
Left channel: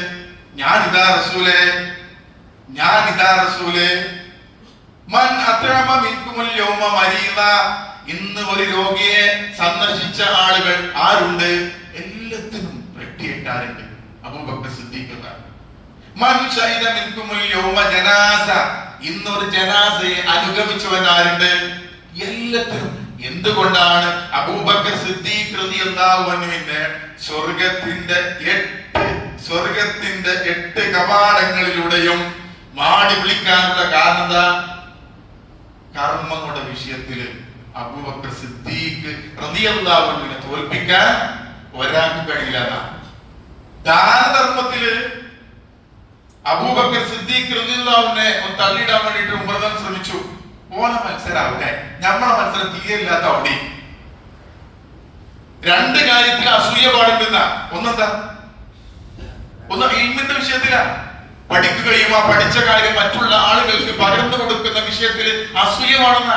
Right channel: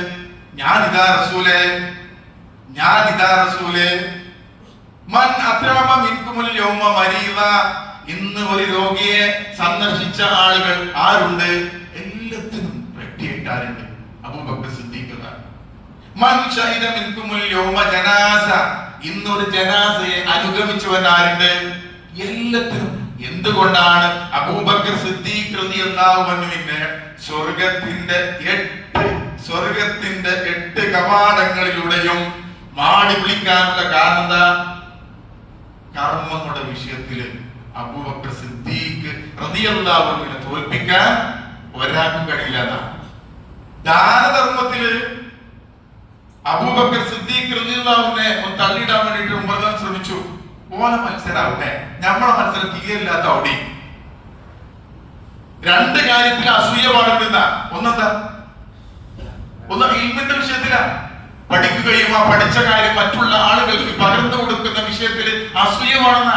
ഞാനിതാ റസൂലേ. മൻ അത്അമ മിൻകുമുൽ യൗമ മരീദ, ഇന്ന് ഒരു രോഗിയെ സന്ദർശിച്ച ആളുകൾ ആരുണ്ട്? എല്ലാത്തിനും റെഡിയായിട്ടാരുണ്ട്? അബൂബക്കർ സിദ്ദീഖ്. മൻ ശഹിദ മിൻകുമുൽ യൗമ ജനാസ, ഇന്നൊരു ജനാസയെ അനുഗമിച്ചവൻ ആരുണ്ട്? എല്ലാത്തിനും. എന്തുകൊണ്ടാണ്? അബൂബക്കർ സിദ്ദീഖ് റളിയല്ലാഹു അൻഹുവിന്റെ സ്വർഗത്തിന്റെ 8 കവാടങ്ങളിലൂടെയും മാടി വിളിക്കാനുള്ള കാരണം എന്താ? കർമ്മങ്ങളുടെ വിഷയത്തില് അബൂബക്കർ സിദ്ദീഖ് റളിയല്ലാഹു അൻഹുവിനെ തോൽപ്പിക്കാൻ ഒരാൾക്കും കഴിയില്ല. ദാനധർമ്മത്തില് അബൂബക്കർ സിദ്ദീഖ് റളിയല്ലാഹു അൻഹുവിനെ തള്ളിയിടാൻ വേണ്ടിയിട്ട് ഉമർ ശ്രമിച്ചു. ഓല മത്സരാവട്ടെ, നമ്മളെ മത്സരം തീരെയില്ലാത്ത അവിടെ. 2 കാര്യത്തിൽ അസൂയ പാടില്ല. ഒന്നെന്താ? ഒന്ന് ഇൽമിന്റെ വിഷയത്തിലാണ്. പഠിക്കുകയും ആ പഠിച്ച കാര്യം മറ്റുള്ള ആളുകൾക്ക് പകർന്നു കൊടുക്കുന്ന വിഷയത്തിൽ അസൂയ പാടുന്ന.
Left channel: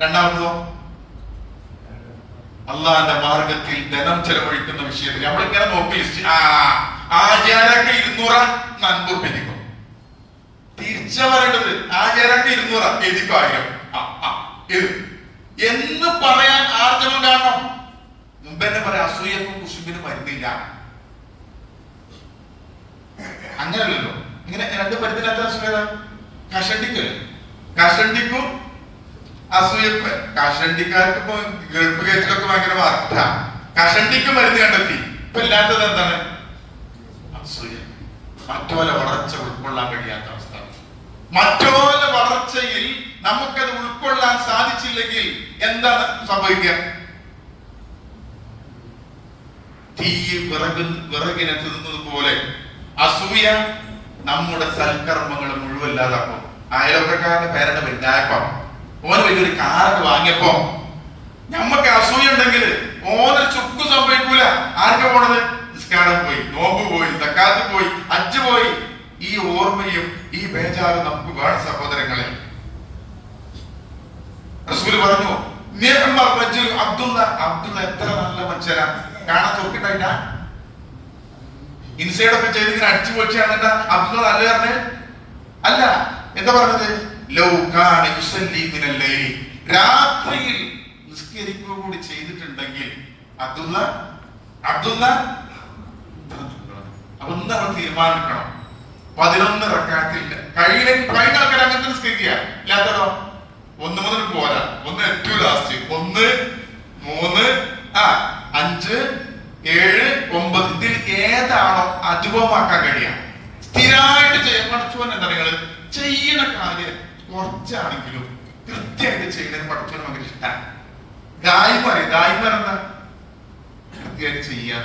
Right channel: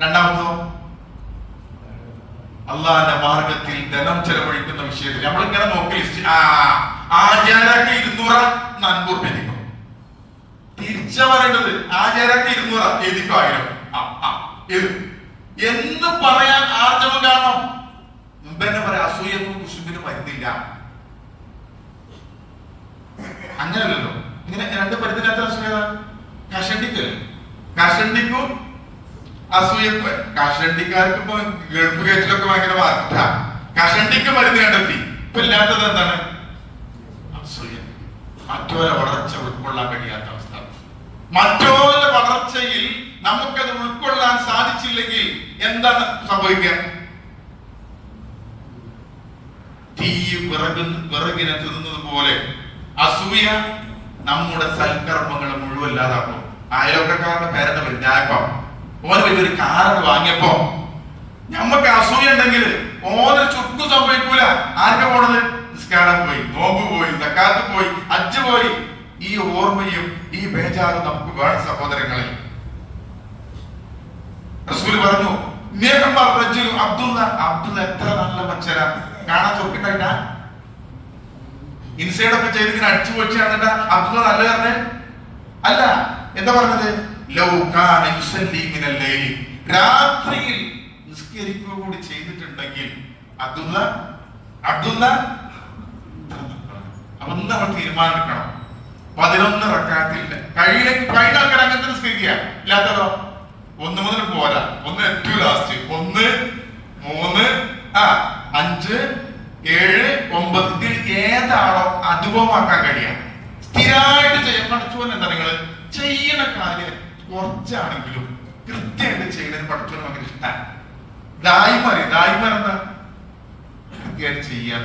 രണ്ടാമതോ അള്ളാന്റെ മാർഗത്തിൽ ധനം ചെലവഴിക്കുന്ന വിഷയത്തിൽ നമ്മളിങ്ങനെ നോക്കി ആചാരക്ക് 200 നൻപൂർ പെരിക്കും. തിരിച്ച പറയേണ്ടത് ആചാരക്ക് 200 എഴുതിക്കോ 1000 എന്ന് പറയാൻ ആർജവം കാണണം. മുമ്പ് തന്നെ പറയാം, അസൂയക്കും കുശുമ്പിനും വരുന്നില്ല. അങ്ങനല്ലല്ലോ. ഇങ്ങനെ 2 പരിധിനകത്ത് അസൂയത. കഷണ്ടിക്കും അസൂയക്ക്. കഷണ്ടിക്കാർക്ക് ഇപ്പൊ ഗൾഫ് ഗേറ്റിലൊക്കെ ഭയങ്കര വാർത്ത. കഷണ്ടിക്ക് മരുന്ന് കണ്ടെത്തി. ഇപ്പൊ ഇല്ലാത്തത് എന്താണ്? അസൂയ. മറ്റോലെ വളർച്ച ഉൾക്കൊള്ളാൻ കഴിയാത്ത അവസ്ഥ. മറ്റോലെ വളർച്ചയിൽ നമുക്കത് ഉൾക്കൊള്ളാൻ സാധിച്ചില്ലെങ്കിൽ എന്താണ് സംഭവിക്കുക? തീ വിറകിനെ തിന്നുന്നത് പോലെ അസൂയ നമ്മുടെ സൽക്കർമ്മങ്ങൾ മുഴുവൻ ഇല്ലാതാക്കും. അയൽവക്കക്കാരുടെ പേരുടെ വലുതായപ്പം ഓന് വലിയൊരു കാറൊക്കെ വാങ്ങിയപ്പോ നമ്മക്ക് അസൂയ ഉണ്ടെങ്കിൽ ഓന് ചുക്ക് സംഭവിക്കൂല. ആർക്കാ പോണത്? നിസ്കാരം പോയി, നോമ്പ് പോയി, സക്കാത്ത് പോയി, ഹജ്ജ് പോയി. ഈ ഓർമ്മയും ഈ ബേജാറും നമുക്ക് വേണം സഹോദരങ്ങളെ. റസൂൽ പറഞ്ഞു, അബ്ദുള്ള എത്ര നല്ല മനുഷ്യരാ, കാണാൻ ചൊറുക്കുണ്ടായിട്ടാ. ഇൻസൈഡൊക്കെ ചെയ്ത് ഇങ്ങനെ അടിച്ചു പൊളിച്ചാണ് അബ്ദുള്ള നല്ല പറഞ്ഞത് അല്ല. എന്താ പറഞ്ഞത്? രാത്രിയിൽ നിസ്കരിക്കുക കൂടി ചെയ്തിട്ടുണ്ടെങ്കിൽ അബ്ദുള്ള അപ്പൊ നമ്മൾ തീരുമാനിക്കണം. 11 റക്അത്തിൽ കഴിഞ്ഞ ആൾക്കാർ അങ്ങനത്തെ നിസ്കരിക്കുക. ഇല്ലാത്തതോ 1 മുതൽ പോരാ, 1 ഏറ്റവും ലാസ്റ്റ്, 1, 3, 5, 7, 9 ഇതിൽ ഏതാണോ അനുഭവമാക്കാൻ കഴിയാം, സ്ഥിരമായിട്ട് ചെയ്യാൻ പഠിച്ചോൻ. എന്താ നിങ്ങള് ചെയ്യണ കാര്യം കുറച്ചാണെങ്കിലും കൃത്യമായിട്ട് ചെയ്യുന്നതിന് പഠിച്ചോന് ഭയങ്കര ഇഷ്ടമാണ്. ദായിമാർ എന്താ? കൃത്യമായിട്ട് ചെയ്യാൻ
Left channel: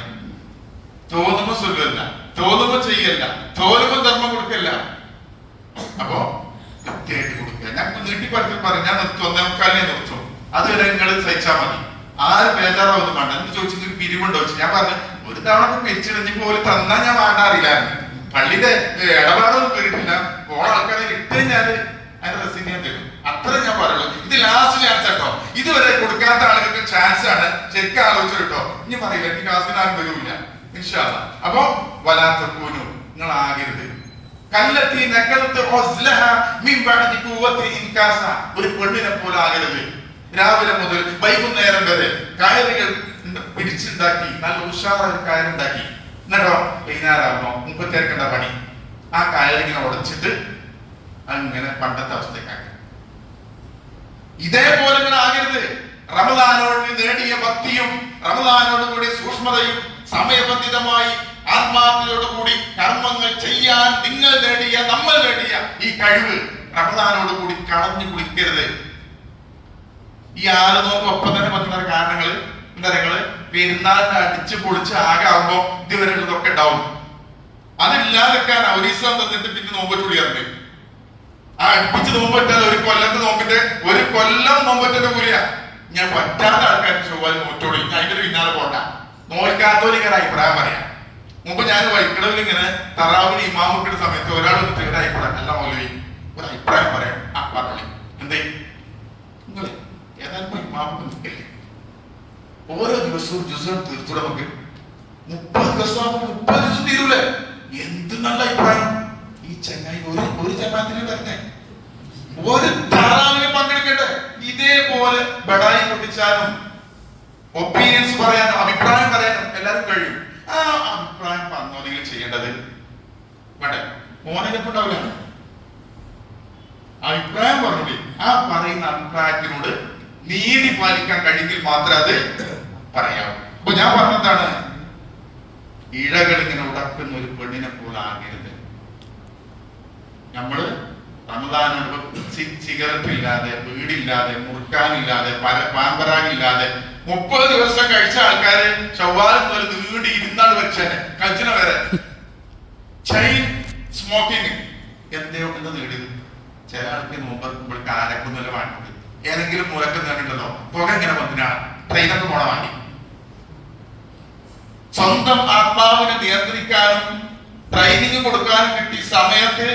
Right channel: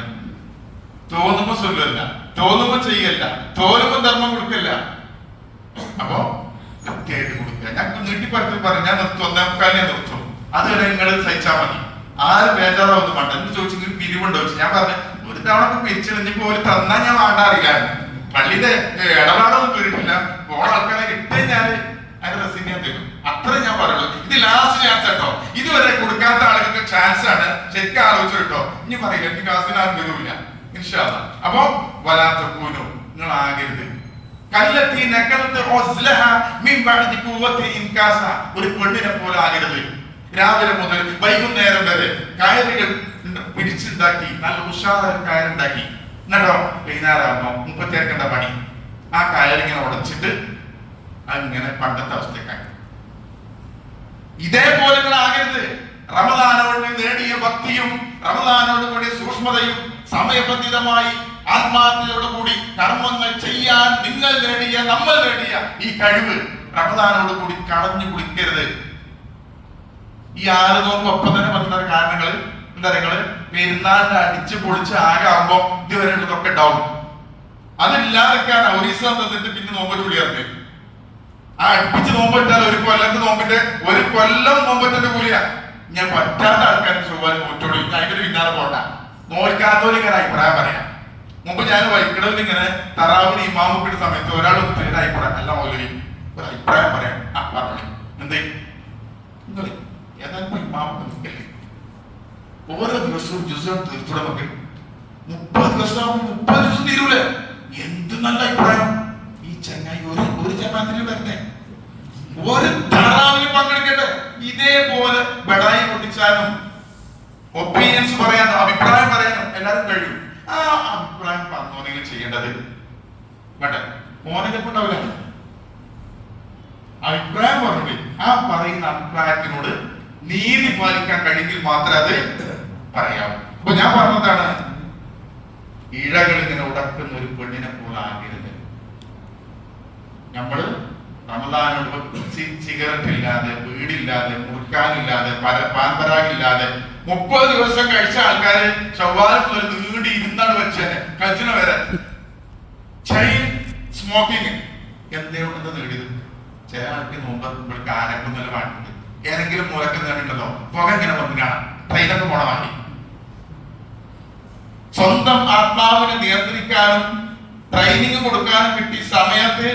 തോന്നുമ്പോ സുഖമല്ല, തോന്നുമ്പോ ചെയ്യല്ല, തോന്നുമ്പോ ധർമ്മം കൊടുക്കല്ല. അപ്പോ കൃത്യമായിട്ട് കൊടുക്കുക. ഞാൻ നീട്ടിപ്പടുത്ത് പറഞ്ഞു, ഞാൻ നിർത്തും, 1:45 നിർത്തും. അതുവരെ നിങ്ങൾ സഹിച്ചാൽ മതി. ആരും ബേജാറാവൊന്നും വേണ്ട. എന്ന് ചോദിച്ചു പിരിവുണ്ടോ? ഞാൻ പറഞ്ഞു, ഒരു തവണ പിരിച്ചിടിഞ്ഞപ്പോ ഒരു തന്നാ ഞാൻ വാങ്ങാറില്ല. പള്ളിയുടെ ഇടപാടൊന്നും കേട്ടിട്ടില്ല. ഓരോ ആൾക്കാരെ കിട്ടിയ ഞാൻ അതിന്റെ റെസിപ്റ്റ് ഞാൻ തരും. അത്ര ഞാൻ പറയുള്ളൂ. ഇത് ലാസ്റ്റ് ചാൻസ് കേട്ടോ. ഇതുവരെ കൊടുക്കാത്ത ആളുകൾക്ക് ചാൻസ് ആണ്. ശരിക്കും ആലോചിച്ചു കേട്ടോ. ഇനി പറയില്ല, എനിക്ക് ക്ലാസ്സിന് ആരും വരൂല്ല ഇൻഷാ അല്ലാഹ്. അപ്പൊ വലാത്ത കൂനു, നിങ്ങൾ ആകരുത്. കല്ലത്തി നഖലത്ത് ഉസ്ലഹ മിൻ ബഅദി ഖുവത്തി ഇൻകാസ, ഒരു പെണ്ണിനെ പോലെ ആകരുത്. രാവിലെ മുതൽ വൈകുന്നേരം വരെ കയറുകൾ പിടിച്ചുണ്ടാക്കി നല്ല ഉഷാറായ കയറുണ്ടാക്കി, എന്നിട്ടോ വൈകുന്നേരമാകുമ്പോ മുപ്പത്തേർക്കേണ്ട പണി ആ കയറിങ്ങനെ ഉടച്ചിട്ട് അങ്ങനെ പണ്ടത്തെ അവസ്ഥക്കാണ്. ഇതേപോലെ നിങ്ങൾ ആകരുത്. റമദാനോട് നേടിയ ഭക്തിയും റമദാനോട് കൂടി സൂക്ഷ്മതയും സമയബന്ധിതമായി ആത്മാർത്ഥതയോടുകൂടി കർമ്മങ്ങൾ ചെയ്യാൻ നിങ്ങൾ നേടിയ, നമ്മൾ നേടിയ ഈ കഴിവ് റമദാനോട് കൂടി കളഞ്ഞു കുടിക്കരുത്. ഈ 6 നോമ്പ് ഒപ്പം തന്നെ പറ്റുന്ന കാരണങ്ങൾ എന്താ? നിങ്ങള് പെരുന്നാളിനെ അടിച്ചു പൊളിച്ച് ആകെ ആകുമ്പോ ഇതുവരെ ഉള്ളതൊക്കെ ഉണ്ടാവും. അതില്ലാതെക്കാൻ ഔരീസം തന്നിട്ട് പിന്നെ നോമ്പ് ചൂടിയാറുണ്ട്. ആ അടുപ്പിച്ച് നോമ്പിട്ടാൽ ഒരു കൊല്ലത്തെ നോമ്പിന്റെ 1 കൊല്ലം നോമ്പറ്റിന്റെ കൂലിയാ. ഞാൻ പറ്റാത്ത ആൾക്കാർക്ക് ചൊവ്വാല് നോറ്റോളൂ, അതിന്റെ പിന്നാലെ പോണ്ട. നോൽക്കാത്തോലിങ്ങനെ അഭിപ്രായം പറയാം. മുമ്പ് ഞാൻ വൈക്കിടവിൽ ഇങ്ങനെ തറാവിന് ഇമാമുക്കിന്റെ സമയത്ത് ഒരാൾ ഒരു അഭിപ്രായം അല്ല മൗലവി ഒരു അഭിപ്രായം പറയാം. ആ പറഞ്ഞു എന്തേ നിങ്ങൾ ഏതായാലും ഇമാമുക്ക് ഓരോ ദിവസവും ജ്യൂസ് തീർത്തു നമുക്ക് 30 ദിവസമാകുമ്പോൾ 30 ദിവസം തീരൂലേ? എന്ത് നല്ല അഭിപ്രായം. ഈ ചങ്ങായി ഒരു ജമാഅത്തിൽ വരട്ടെ, ഒരു താറാവിന് പങ്കെടുക്കട്ടെ. ഇതേപോലെ ബടായി പൊട്ടിച്ചാലും ഒപ്പീനിയൻസ് പറയാനും അഭിപ്രായം പറയാനും എല്ലാവരും കഴിയും. ആ അഭിപ്രായം പറഞ്ഞോണെങ്കിൽ ചെയ്യേണ്ടത് വേണ്ടേ മോനെ കൊണ്ടാവില്ല. അഭിപ്രായം പറഞ്ഞോളി. ആ പറയുന്ന അഭിപ്രായത്തിനോട് നീതി പാലിക്കാൻ കഴിയെങ്കിൽ മാത്രമേ അത് പറയാവൂ. അപ്പൊ ഞാൻ പറഞ്ഞതാണ്, ഇഴകൾ ഇങ്ങനെ ഉടക്കുന്ന ഒരു പെണ്ണിനെ പോലെ ആകരുത്. നമ്മള് റമദാൻ സിഗരറ്റ് ഇല്ലാതെ, വീടില്ലാതെ, മുറുക്കാനില്ലാതെ, പാൻപരാഗില്ലാതെ 30 ദിവസം കഴിച്ച ആൾക്കാര് ചൊവ്വാല് മുതൽ നീണ്ടി ഇരുന്നാണ് വെച്ചേനെ കൽച്ചിന വരെ. ചെയിൻ സ്മോക്കിങ് എന്തുകൊണ്ട് നേടിയത്? ചില ആൾക്ക് മുമ്പ് ഇവൾക്ക് ആരക്കുന്നില്ല വാങ്ങിയത് ഏതെങ്കിലും മുറക്ക് നേടിണ്ടല്ലോ. പുക ഇങ്ങനെ വന്നിനാണ് ട്രെയിനൊക്കെ പോണ വാങ്ങി. സ്വന്തം ആത്മാവിനെ നിയന്ത്രിക്കാനും ട്രെയിനിങ് കൊടുക്കാനും കിട്ടിയ സമയത്ത്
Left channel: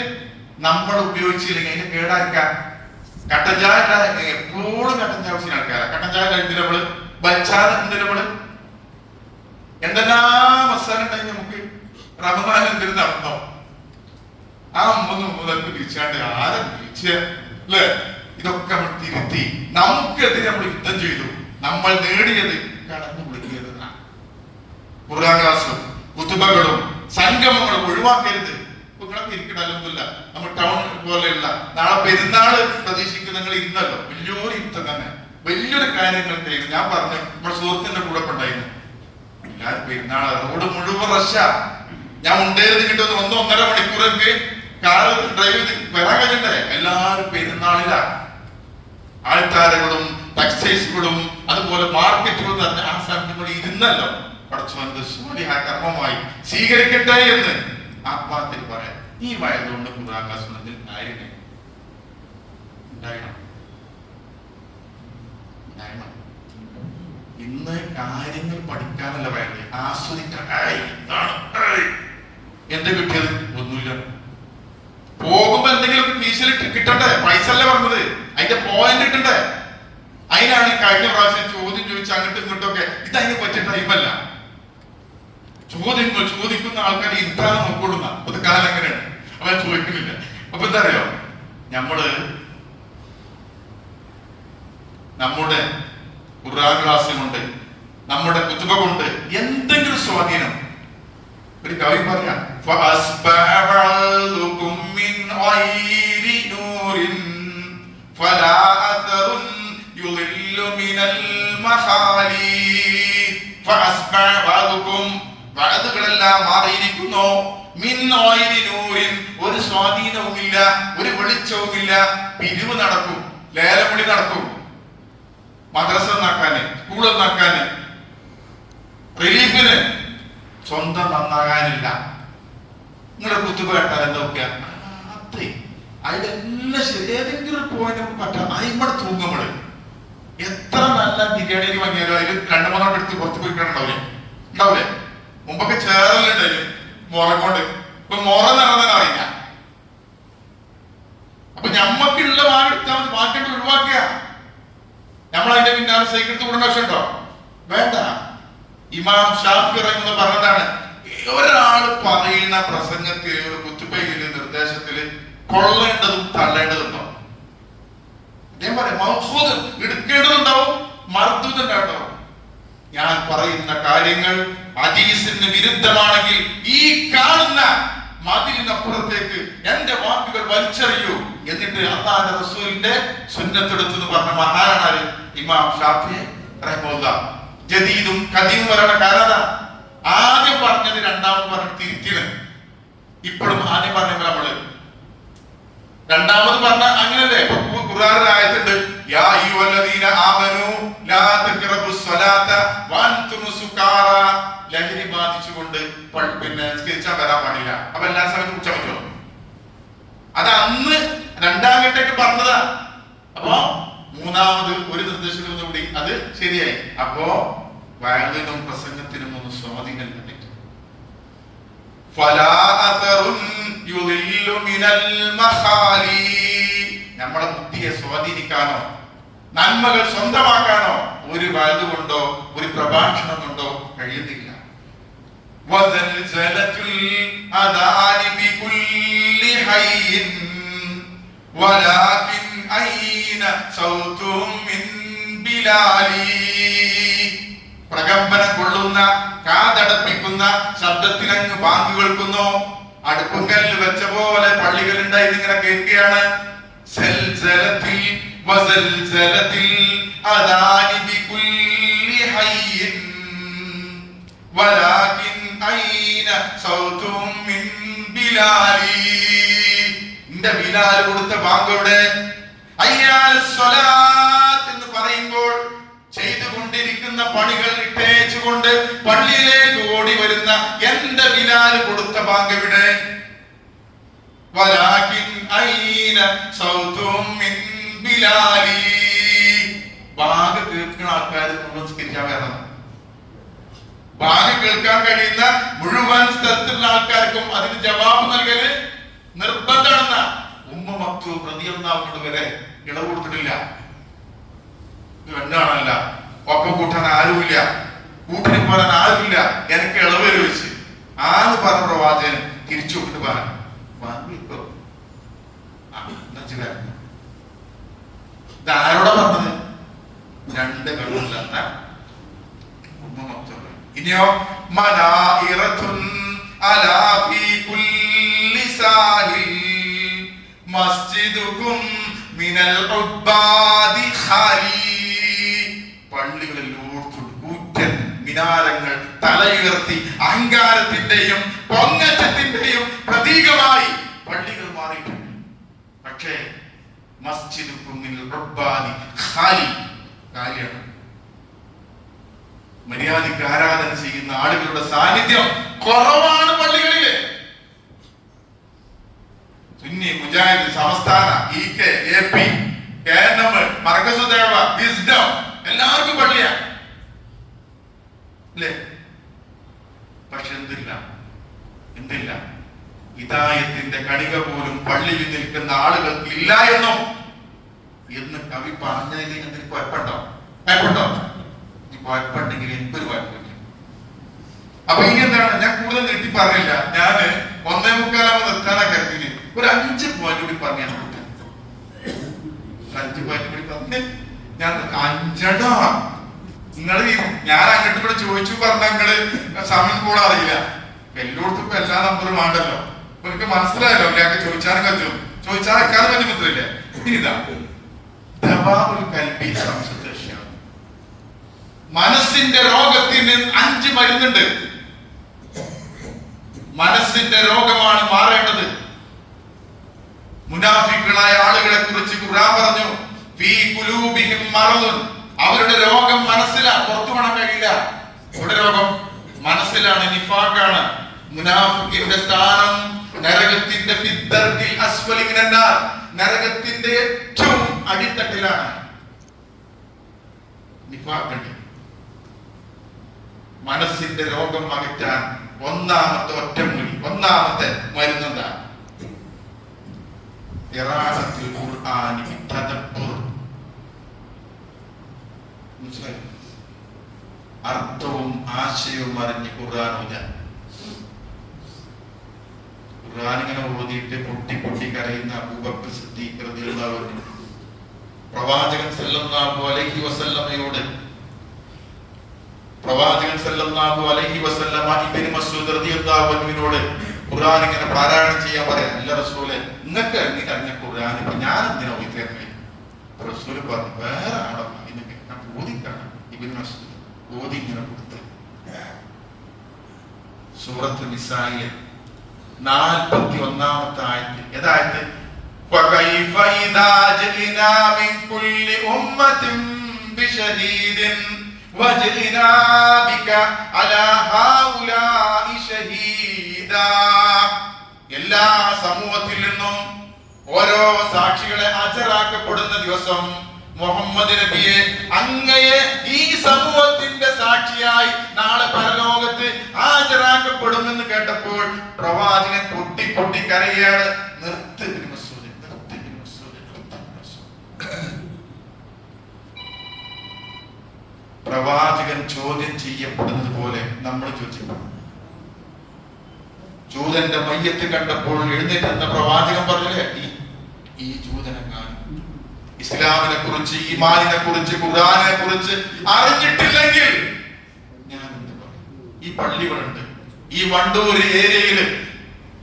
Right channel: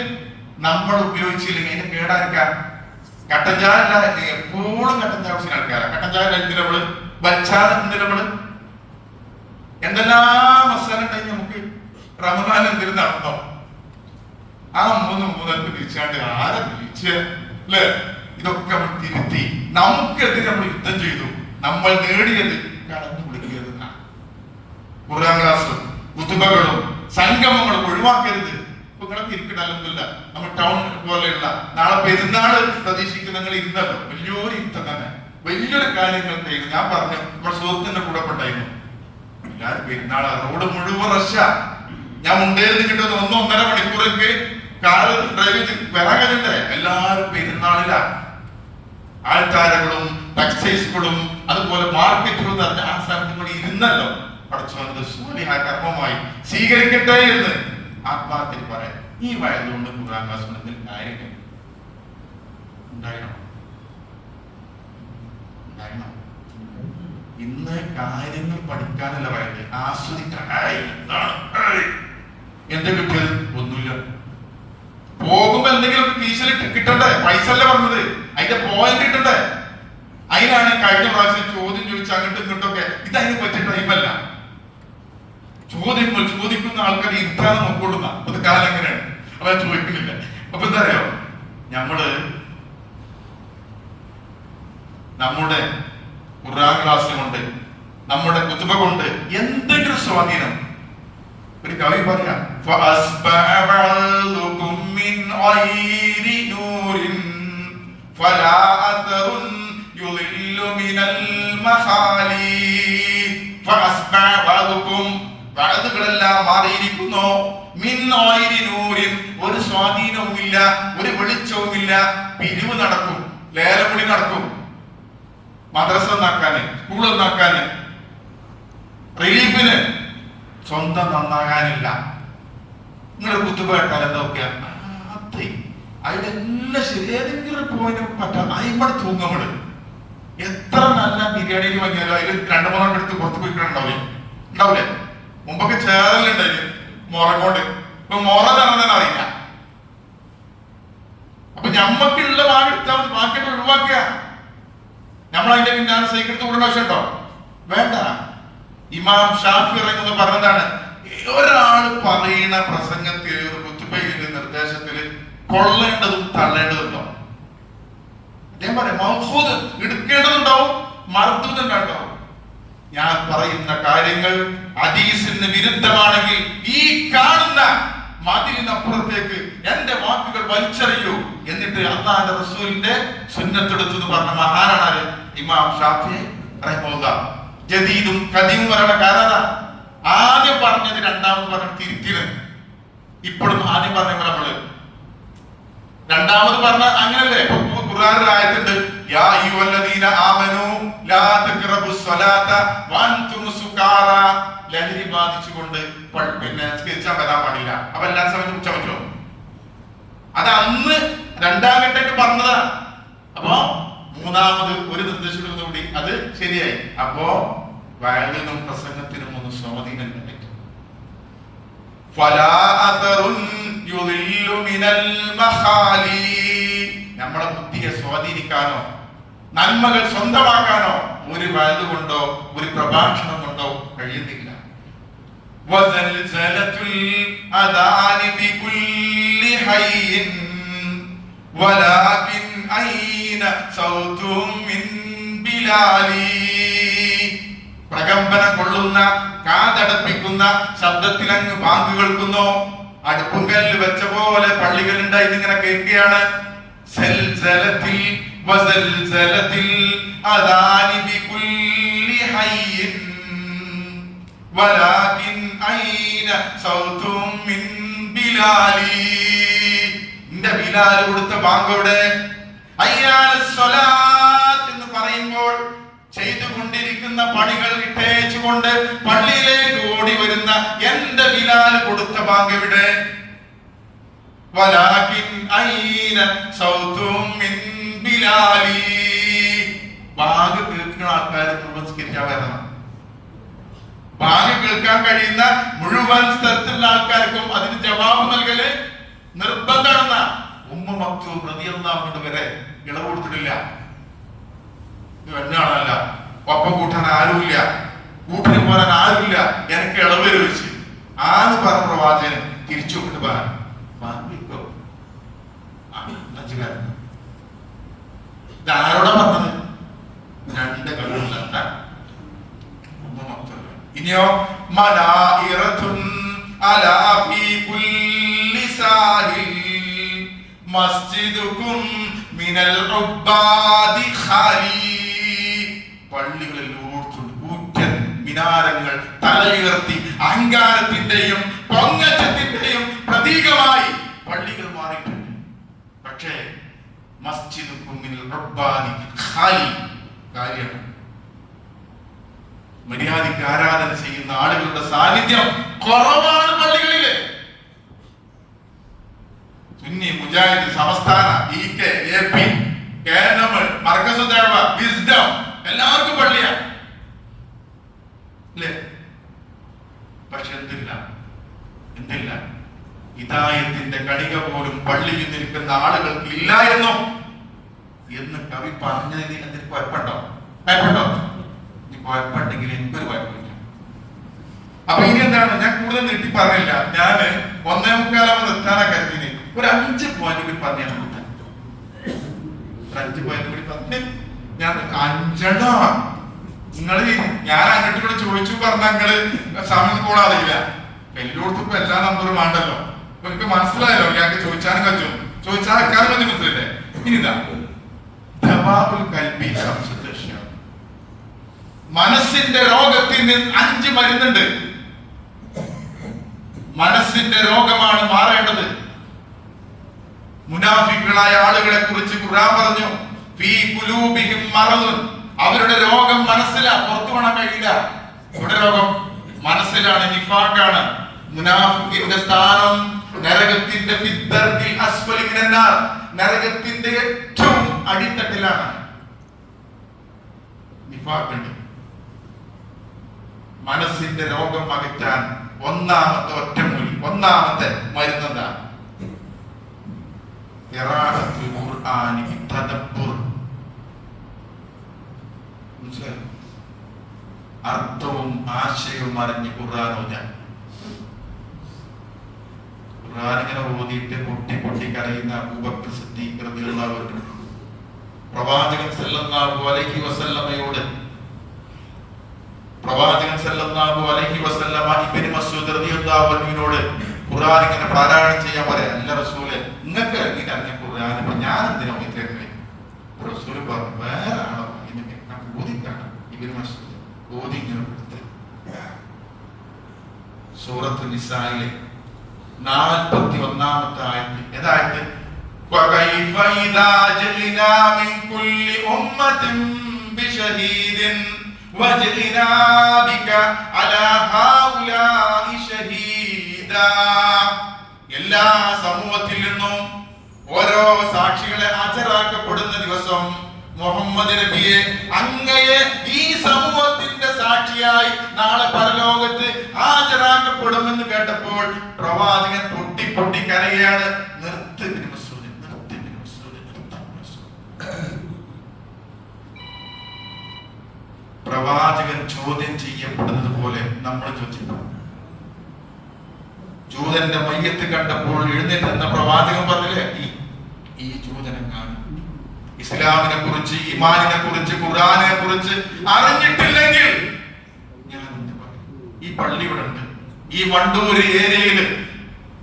നമ്മൾ ഉപയോഗിച്ചില്ലെങ്കിൽ അതിന് കേടായിരിക്കാം. കട്ടൻ ചായ എപ്പോഴും കട്ടൻ ചായ കുടിക്കുന്ന ആൾക്കാരാ. കട്ടൻ ചായ കഴിക്കുന്ന നമ്മള് ബച്ചാതെ നമ്മള് എന്തെല്ലാം മസാല ഉണ്ടായി നമുക്ക്. റമദാൻ എന്തിനു നടന്നോ ആ 3 മുതൽക്ക് തിരിച്ചാണ്ട് ആരെ തിരിച്ചല്ലേ? ഇതൊക്കെ നമ്മൾ തിരുത്തി നമുക്കെതിരെ നമ്മൾ യുദ്ധം ചെയ്തു. നമ്മൾ നേടിയത് കടന്നു കൊടുക്കരുത്. ഖുർആൻ ക്ലാസും കുതുബകളും സംഗമങ്ങളും ഒഴിവാക്കരുത്. നിങ്ങളൊക്കെ ഇരിക്കണല്ല. നമ്മൾ ടൗൺ പോലെയുള്ള നാളെ പെരുന്നാള് പ്രതീക്ഷിക്കുന്ന നിങ്ങൾ ഇരുന്നല്ലോ. വലിയൊരു യുദ്ധം തന്നെ, വലിയൊരു കാര്യങ്ങൾ ചെയ്യുന്നു. ഞാൻ പറഞ്ഞു നമ്മുടെ സുഹൃത്തിന്റെ കൂടെ ഉണ്ടായിരുന്നു. എല്ലാവരും പെരുന്നാൾ റോഡ് മുഴുവൻ റഷ്യ. ഞാൻ മുണ്ടേത് കിട്ടുന്നത് 1-1.5 മണിക്കൂറൊക്കെ കാറ് ഡ്രൈവ് ചെയ്ത് വരാൻ കഴിയണ്ടേ? എല്ലാവരും പെരുന്നാളില ആൾക്കാരുകളും ടെക്സ്റ്റൈൽസുകളും അതുപോലെ മാർക്കറ്റുകളും പറഞ്ഞ ആ സ്ഥലത്ത് ഇരുന്നല്ലോ. പടച്ചോന്റെ ആ കർമ്മമായി സ്വീകരിക്കട്ടെ എന്ന് ആത്മാർത്ഥത്തിൽ പറയാം. ഈ വയതുകൊണ്ട് ഖുർആൻ ക്ലാസ് കാര്യങ്ങൾ ഉണ്ടായിരുന്നു. ഇന്ന് കാര്യങ്ങൾ പഠിക്കാനല്ല വയത്, ആസ്വദിക്കാൻ. എന്ത് കിട്ടിയത്? ഒന്നുമില്ല. പോകുമ്പോ എന്തെങ്കിലും ഫീസിലിട്ട് കിട്ടണ്ടേ? പൈസ അല്ലേ പറഞ്ഞത്, അതിന്റെ പോയിന്റ് കിട്ടണ്ടേ? അതിനാണ് കഴിഞ്ഞ പ്രാവശ്യം ചോദ്യം ചോദിച്ച് അങ്ങോട്ടും ഇങ്ങോട്ടൊക്കെ. ഇതതിന് പറ്റിയ ടൈമല്ല. ചോദ്യങ്ങൾ ചോദിക്കുന്ന ആൾക്കാർ ഇരുത്താതെ നോക്കൊള്ളുന്ന ഒരു കാലം എങ്ങനെയാണ് അവൻ ചോദിക്കുന്നില്ല. അപ്പൊ എന്താ അറിയോ, നമ്മുടെ ഖുർആൻ ക്ലാസ് കൊണ്ട്, നമ്മുടെ കുതുബ കൊണ്ട് എന്തെങ്കിലും സ്വാധീനം. ഒരു കവി പറയാം, വഅദുകളെല്ലാം മാറിയിരിക്കുന്നു. ഒരു സ്വാധീനവുമില്ല, ഒരു വെളിച്ചവുമില്ല. പിരിവ് നടക്കും, ലേലവിളി നടക്കും. മദ്രസ നന്നാക്കാന്, സ്കൂൾ നന്നാക്കാന്, റിലീഫിന്. സ്വന്തം നന്നാകാനില്ല. നിങ്ങളുടെ കുത്തുബ കേട്ടാൽ എന്തൊക്കെയാ അതിന്റെ എല്ലാം ശരി. ഏതെങ്കിലും പോയിന്റ് പറ്റാ അയിമ്പടെ തൂങ്ങും നമ്മള്. എത്ര നല്ല ബിരിയാണി വാങ്ങിയാലോ അതിൽ 2-3 എടുത്ത് പുറത്ത് പോയിട്ടുണ്ടാവില്ലേ? ഉണ്ടാവില്ലേ? മുമ്പൊക്കെ ചേരലുണ്ടായില്ലേ മുറ കൊണ്ട്. ഇപ്പൊ മുറ നടന്നാൻ അറിയില്ല. അപ്പൊ ഞമ്മക്കുള്ള വാങ്ങെടുത്താൽ മതി, മാർക്കറ്റ് ഒഴിവാക്കുക. നമ്മൾ അതിന്റെ പിന്നാലെ സൈക്കിൾ കൂടേണ്ട ആവശ്യമുണ്ടോ? വേണ്ട. ഇമാം ഷാഫി റഹിമഹുല്ലാഹ് പറഞ്ഞതാണ്, ഒരാള് പറയുന്ന പ്രസംഗത്തില് കുത്തുബയിലെ നിർദ്ദേശത്തില് കൊള്ളേണ്ടതും തള്ളേണ്ടതുണ്ടോ? അദ്ദേഹം പറയാം, മൗഖൂദ് എടുക്കേണ്ടതുണ്ടാവും, മർദൂദുണ്ടാവും. ഞാൻ പറയുന്ന കാര്യങ്ങൾ ഹദീസിന് വിരുദ്ധമാണെങ്കിൽ ഈ കാണുന്ന മതിലിനപ്പുറത്തേക്ക് എന്റെ വാക്കുകൾ വലിച്ചെറിയൂ എന്നിട്ട് അല്ലാഹുവിന്റെ റസൂലിന്റെ സുന്നത്തെടുത്തു എന്ന് പറഞ്ഞ മഹാനാണ് ഇമാം ഷാഫി റഹിമഹുല്ലാഹ്. ജദീദും ഖദീമും പറയുന്ന കാരണം ആദ്യം പറഞ്ഞത് രണ്ടാമത് പറഞ്ഞ് തിരുത്തിയത്. ഇപ്പോഴും ആദ്യം പറഞ്ഞ നമ്മള് രണ്ടാമത് പറഞ്ഞ അങ്ങനല്ലേ? ഖുർആനിൽ ആയത്തുണ്ട്, യാ അയ്യുഹല്ലദീന ആമനൂ ലാ തഖറബുസ് സ്വലാത്ത വഅൻതും സുകാറ. ലഹരി ബാധിച്ചുകൊണ്ട് പിന്നെ സ്കരിച്ചാൽ വരാൻ പാടില്ല. അപ്പൊ എല്ലാ സമയത്തും കുറിച്ചാൻ പറ്റുമോ? അത് അന്ന് രണ്ടാം ഘട്ടമായിട്ട് പറഞ്ഞതാ. അപ്പോ മൂന്നാമത് ഒരു നിർദ്ദേശത്തോടുകൂടി അത് ശരിയായി. അപ്പോ വയലിനും പ്രസംഗത്തിനും ഒന്ന് സ്വാധീനം പറ്റും. നമ്മളെ ബുദ്ധിയെ സ്വാധീനിക്കാനോ നന്മകൾ സ്വന്തമാക്കാനോ ഒരു വയത് കൊണ്ടോ ഒരു പ്രഭാഷണം കൊണ്ടോ കഴിയുന്നില്ല. പ്രകമ്പനം കൊള്ളുന്ന കാതടപ്പിക്കുന്ന ശബ്ദത്തിൽ അങ്ങ് ബാങ്ക് കേൾക്കുന്നു. അടുപ്പുകല്ല് വെച്ച പോലെ പള്ളികളുണ്ടായി ഇങ്ങനെ കേൾക്കുകയാണ്. ബിലാൽ കൊടുത്ത ബാങ്കോടെ എന്ന് പറയുമ്പോൾ ചെയ്തുകൊണ്ടിരിക്കുന്ന പണികൾ ഇട്ടേച്ചുകൊണ്ട് പള്ളിയിലേക്ക് ഓടി വരുന്ന എന്റെ ബിലാൽ കൊടുത്ത ബാങ്ക് എവിടെ? ബാങ്ക് കേൾക്കുന്ന ആൾക്കാർ നമസ്കരിക്കാൻ വരണം. ബാങ്ക് കേൾക്കാൻ കഴിയുന്ന മുഴുവൻ സ്ഥലത്തുള്ള ആൾക്കാർക്കും അതിന് ജവാബ് നൽകല് നിർബന്ധമെന്ന ഉമ്മ മക്തൂം റളിയല്ലാഹു വരെ ഇളവ് കൊടുത്തിട്ടില്ല. എന്താണല്ല ഒപ്പം കൂട്ടാൻ ആരുമില്ല, കൂട്ടിന് പോരാൻ ആരുമില്ല, എനിക്ക് ഇളവ് വെച്ച് ആന്ന് പറഞ്ഞ പ്രവാചകൻ തിരിച്ചു വിട്ടിട്ട് പറഞ്ഞു ഇതാരോടാ പറഞ്ഞത്? രണ്ട് കണ്ണുമില്ലാത്ത ഉമ്മ മക്തൂം. ഇനിയോ മനാഇറത്തുൻ അലാ ഫീ കുല്ലി സാഹിൽ മസ്ജിദുകും മിനൽ ഉബ്ബാദി ഖാലി. പള്ളികളിൽ കൂറ്റൻ മിനാരങ്ങൾ തലയുയർത്തി അഹങ്കാരത്തിന്റെയും പൊങ്ങച്ചത്തിന്റെയും പ്രതീകമായി പള്ളികൾ മാറിയിട്ടുണ്ട്. പക്ഷേ മസ്ജിദുകും മിനൽ ഉബ്ബാദി ഖാലി കാര്യമാണ്. മര്യാദയ്ക്ക് ആരാധന ചെയ്യുന്ന ആളുകളുടെ സാന്നിധ്യം കുറവാണ് പള്ളികളില്. സുന്നി മുജാഹിദ് സംസ്ഥാന EK AP KNM മർകസ് ദഅവ വിസ്ഡം എല്ലാവർക്കും പള്ളിയാണ് അല്ലേ? പക്ഷെ എന്തില്ല ഹിദായത്തിന്റെ കണിക പോലും പള്ളിയിൽ നിൽക്കുന്ന ആളുകൾക്ക് ഇല്ല എന്ന് കവി പറഞ്ഞതിന് എന്തെങ്കിലും കുഴപ്പമുണ്ടോ? കുഴപ്പമുണ്ടെങ്കിൽ എനിക്കൊരു കുഴപ്പമില്ല. അപ്പൊ ഇനി എന്താണ്, ഞാൻ കൂടുതൽ നീട്ടി പറഞ്ഞില്ല. ഞാന് 1:45 എത്താനാ കരുതിന്. ഒരു 5 പോയിന്റ് കൂടി പറഞ്ഞാൽ 5 പോയിന്റ് കൂടി പറഞ്ഞ് ഞാൻ 5 നിങ്ങള് ഞാൻ അങ്ങോട്ട് കൂടെ ചോദിച്ചു പറഞ്ഞ നിങ്ങള് സമയം കൂടാറില്ല. എല്ലായിടത്തും ഇപ്പൊ എല്ലാ നമ്പറും വേണ്ടല്ലോ. അപ്പൊ എനിക്ക് മനസ്സിലായല്ലോ, ഞങ്ങൾക്ക് ചോദിച്ചാലും പറ്റും, ചോദിച്ചാൽ വെക്കാതെ പറ്റും. മനസ്സിലല്ലേ? ഇനിതാ മനസ്സിന്റെ രോഗത്തിന് 5 മരുന്നുണ്ട്. മനസ്സിന്റെ രോഗമാണ് മാറേണ്ടത്. മുനാഫിക്കുകളായ ആളുകളെ കുറിച്ച് ഖുർആൻ പറഞ്ഞു, ഫീ ഖുലൂബിഹിം മറദുൻ. അവരുടെ രോഗം മനസ്സിലാണ്, പുറത്തു കാണാൻ കഴിയില്ല. അവരുടെ രോഗം മനസ്സിലാണ്, നിഫാഖാണ്. മുനാഫിക്കിന്റെ സ്ഥാനം നരകത്തിന്റെ ഫിദ്ദർദിൽ അസ്ഫലി മിനന്നാർ, നരകത്തിന്റെ ഏറ്റവും അടിത്തട്ടിലാണ് നിഫാഖ്. മനസ്സിന്റെ രോഗം അകറ്റാൻ ഒന്നാമത്തെ ഒറ്റമൂലി, ഒന്നാമത്തെ മരുന്നെന്താ? ഖിറാഅത്തുൽ ഖുർആനി ബിതദബ്ബുർ. അർത്ഥവും ആശയവും അറിഞ്ഞ് ഖുർആൻ ഓതാൻ. ഖുർആൻ ഇങ്ങനെ ഓതിയിട്ട് പൊട്ടി പൊട്ടി കരയുന്ന അബൂബക്കർ സിദ്ദീഖ് റളിയല്ലാഹു അൻഹു പ്രവാചകൻ സല്ലല്ലാഹു അലൈഹി വസല്ലമയോട് ഇബ്നു മസ്ഊദ് റളിയല്ലാഹു അൻഹുവിനോട് ഖുർആൻ ഇങ്ങനെ പാരായണം ചെയ്യാൻ പറയാം. അല്ല റസൂലേ, നിങ്ങൾക്ക് അറിഞ്ഞ ഖുർആൻ ഞാൻ എന്തിനാ ഓതിക്കുന്നത്? റസൂൽ പറഞ്ഞു, വേറെ ആണോ ഓതിക്കാണ്. ഇബ്നു മസ്ഊദ് ഓതി ഇങ്ങനെ കൊടുത്ത് സൂറത്ത് നിസായിലെ 41-ാമത്തെ ആയത്ത്. ഏതായത്? وَكَيْفَ إِذَا جِئْنَا مِنْ كُلِّ أُمَّةٍ بِشَهِيدٍ وَجِئْنَا بِكَ عَلَى هَؤُلَاءِ شَهِيدًا. എല്ലാ സമൂഹത്തിൽ നിന്നും ഓരോ സാക്ഷികളെ ഹാജരാക്കപ്പെടുന്ന ദിവസം മുഹമ്മദ് നബിയെ, അങ്ങയെ ഈ സമൂഹത്തിന്റെ സാക്ഷിയായി നാളെ പരലോകത്ത് ഹാജരാക്കപ്പെടുമെന്ന് കേട്ടപ്പോൾ പ്രവാചകൻ പൊട്ടി പൊട്ടി കരയാണ്. നിർത്ത് ഇബ്നു മസ്ഊദ്, നിർത്ത് ഇബ്നു മസ്ഊദ്, നിർത്ത് ഇബ്നു മസ്ഊദ്. പ്രവാചകൻ ചോദ്യം ചെയ്യപ്പെടുന്നത് പോലെ നമ്മൾ ചോദിച്ചിട്ടുണ്ട്. ജൂതന്റെ മയ്യത്ത് കണ്ടപ്പോൾ എഴുന്നേറ്റുന്ന പ്രവാചകൻ പറഞ്ഞില്ലേ, ഈ ജൂതനെങ്ങാനും ഇസ്ലാമിനെ കുറിച്ച്, ഈമാനിനെ കുറിച്ച്, ഖുർആനെ കുറിച്ച് അറിഞ്ഞിട്ടില്ലെങ്കിൽ ഞാൻ ഈ പള്ളി ഇവിടെ ഉണ്ട്, ഈ വണ്ടൂര് ഏരിയയില്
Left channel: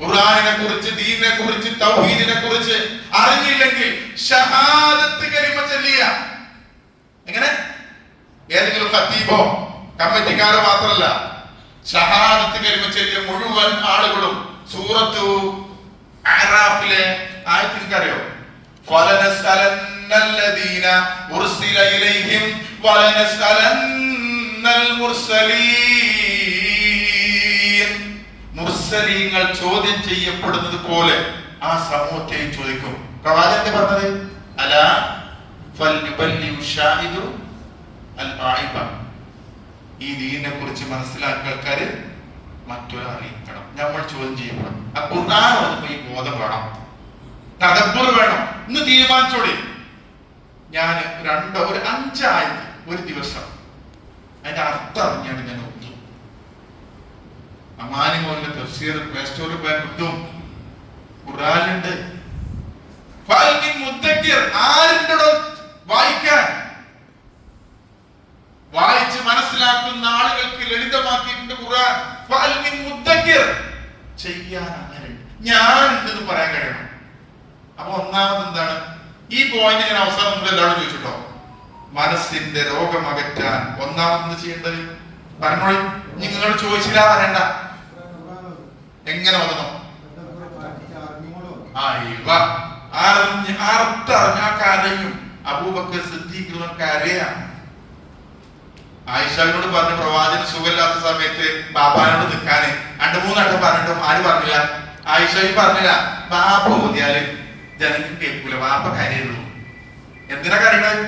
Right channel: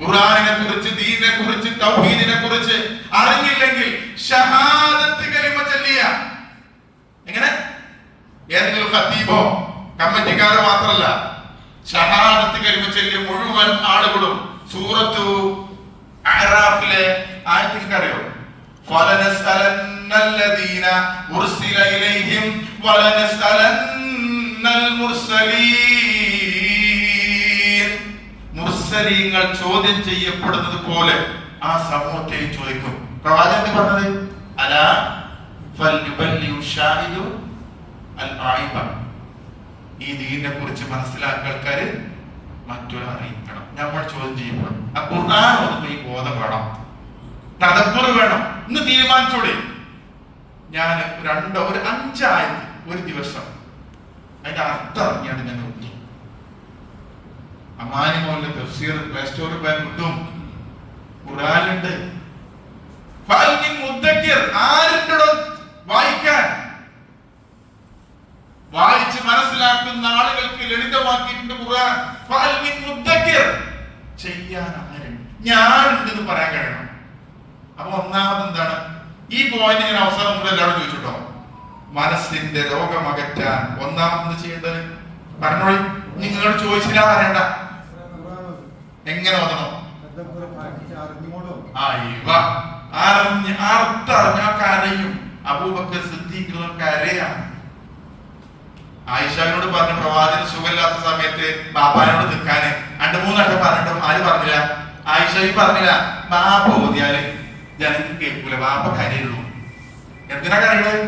ഖുർആനെ കുറിച്ച്, ദീനിനെ കുറിച്ച്, തൗഹീദിനെ കുറിച്ച് അറിഞ്ഞില്ലെങ്കിൽ ഷഹാദത്ത് കലിമ ചൊല്ലിയ എങ്ങനെ? ഏതെങ്കിലും ഖതീബോ കമ്മിറ്റിക്കാരോ മാത്രമല്ല, ഷഹാദത്ത് കലിമ ചൊല്ലിയ മുഴുവൻ ആളുകളും സൂറത്തു അഅറാഫിലെ ആയത്തിൽ അറിയോ? ഫലനസ്അലന്നല്ലദീന ഉർസില ഇലൈഹിം വലനസ്അലന്നൽ മുർസലീൻ. മുർസലീങ്ങൾ ചോദ്യം ചെയ്യപ്പെടുന്നത് പോലെ ആ സമൂഹത്തെ ചോദിക്കും. പ്രവാചകൻ പറഞ്ഞത് അലാ ഫൽയുബല്ലിഉ ഷാഹിദു അൽ ഗായിബ. ഈ ദീനിനെ കുറിച്ച് മനസ്സിലാക്കിയ ആൾക്കാര് മറ്റൊരാളെ അറിയിക്കണം. നമ്മൾ ചോദ്യം ചെയ്യപ്പെടും. ആ ഖുർആൻ ഓതുമ്പോൾ ഈ ബോധം വേണം, തദബ്ബുർ വേണം. ഇന്ന് തീരുമാനിച്ചോളി, ഞാൻ ഒരു 5 ആയത്ത് ഒരു ദിവസം അതിന്റെ അർത്ഥം അറിഞ്ഞാണ് ഞാൻ ഒത്തു. അമാനി മോളിലെ തഫ്സീർ പ്ലേ സ്റ്റോറിൽ പോയാൽ കിട്ടും. ഖുർആനിലുണ്ട്. ആരുണ്ടോ വായിക്കാൻ? വായിച്ച് മനസ്സിലാക്കുന്ന ആളുകൾക്ക് ലളിതമാക്കിയിട്ടുണ്ട് ഖുർആൻ. ചെയ്യാൻ ഞാൻ ഉണ്ടെന്ന് പറയാൻ കഴിയണം. അപ്പൊ ഒന്നാമത് എന്താണ് ഈ പോയിന്റ്? ഞാൻ അവസാനം മുതൽ എല്ലാവരും ചോദിച്ചിട്ടോ, മനസ്സിന്റെ രോഗം അകറ്റാൻ ഒന്നാമത് ചെയ്യേണ്ടത് പറഞ്ഞോളി. നിങ്ങൾ ചോദിച്ചില്ല പറയണ്ട. എങ്ങനെ വന്നോ? അറിഞ്ഞ അബൂബക്കർ സിദ്ദീഖ് കരയാണ്. ആയിഷയോട് പറഞ്ഞു പ്രവാചകൻ സുഖമില്ലാത്ത സമയത്ത് ബാബാനോട് നിൽക്കാന് 2-3 വട്ടം പറഞ്ഞിട്ടും ആര് പറഞ്ഞില്ല? ആയിഷയും പറഞ്ഞില്ല. ബാപ്പ ഓതിയാല് ജനങ്ങൾ കേൾക്കൂല, ബാപ്പ കരയുള്ളൂ. എന്തിനാ കരയുന്നത്?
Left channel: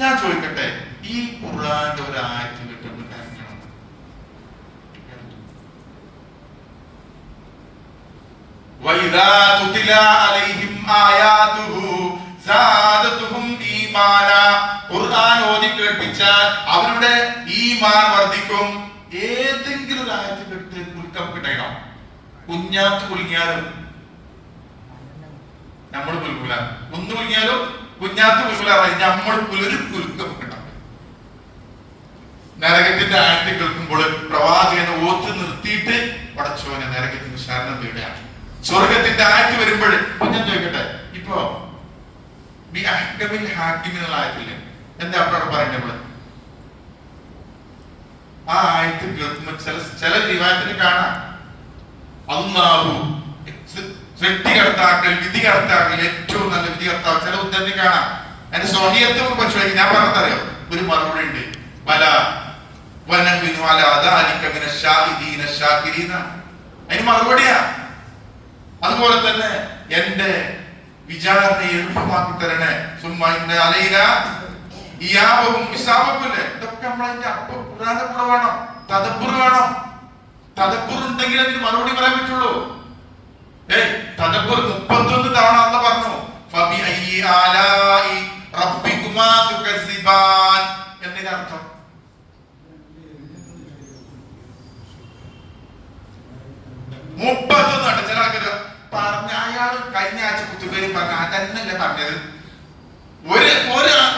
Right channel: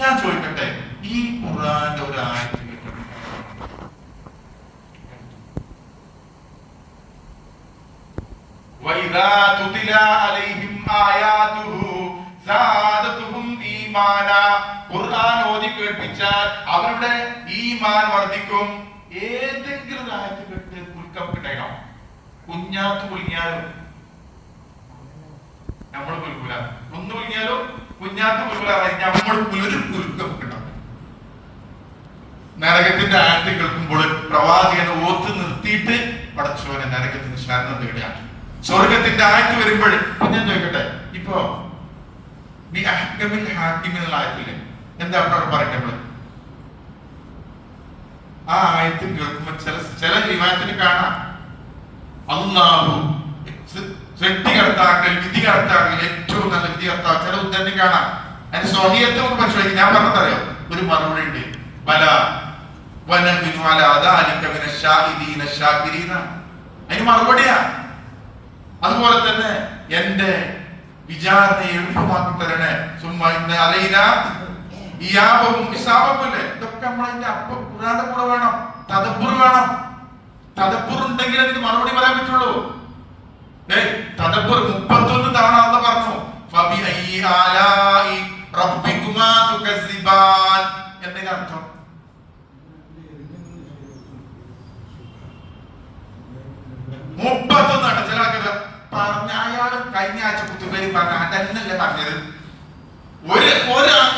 ഞാൻ ചോദിക്കട്ടെ, ഈ ഖുർആന്റെ ഒരു ആയത്ത് വഇദാ തുതില അലൈഹിം ആയാതുഹു സാദതുഹും ഈമാനാ. ഖുർആൻ ഓതി കേൾപ്പിച്ചാൽ അവരുടെ ഈമാൻ വർദ്ധിക്കും. ഏതെങ്കിലും ഒരു ആയത്ത് കേട്ട് കുലുക്കം കിട്ടണം. കുഞ്ഞാത്ത് കുലുങ്ങിയാലും നമ്മൾ കുലുക്കൂല, ഒന്ന് കുലുങ്ങിയാലും കുഞ്ഞാത്ത് കുലുക്കൂല. നമ്മൾ ഒരു കുലുക്കം കിട്ടണം. നരകത്തിന്റെ ആയത്ത് കേൾക്കുമ്പോൾ പ്രവാചകനെ ഓത്ത് നിർത്തിയിട്ട് പടച്ചോനെ നരകത്തിന് ശരണം തേടുകയാണ്. സ്വർഗത്തിന്റെ ആയത്ത് വരുമ്പോൾ ഞാൻ ചോദിക്കട്ടെ, ഇപ്പോ ആയത്തില്ലേ എന്താ അവിടെ പറയട്ടെ? ആ ആയത്ത് കേൾക്കുമ്പോൾ ചില വിവാഹത്തിന് കാണാം അല്ലാഹു സൃഷ്ടികർത്താക്കൾ, വിധികർത്താക്കൾ, ഏറ്റവും നല്ല വിധികർത്താവ്. ചില ഉദ്ധരണി കാണാം. അതിന് സ്വഹീയത്ത് നമുക്ക് പരിശോധിക്കും. ഞാൻ പറഞ്ഞറിയോ, ഒരു മറുപടി ഉണ്ട്. അതിന് മറുപടിയാ. അതുപോലെ തന്നെ എന്റെ വിചാരണയെ എളുപ്പമാക്കി തരണേ. ഇതൊക്കെ നമ്മളതിന്റെ ഖുർആന്റെ കൂടെ വേണം. തദബ്ബുർ വേണം. തദബ്ബുർ ഉണ്ടെങ്കിൽ അതിന് മറുപടി പറയാൻ പറ്റുള്ളൂ. തദബ്ബുർ 31 തവണ അല്ലാഹു പറഞ്ഞു. ഫബിഅയ്യി ആലാഇ റബ്ബികുമാ തുകസിബാൻ എന്നതിന്റെ അർത്ഥം 31 ചില ആൾക്കാർ പറഞ്ഞ അയാൾ കഴിഞ്ഞ ആഴ്ച കുത്തുപേരി പറഞ്ഞ അതന്നല്ലേ പറഞ്ഞത്.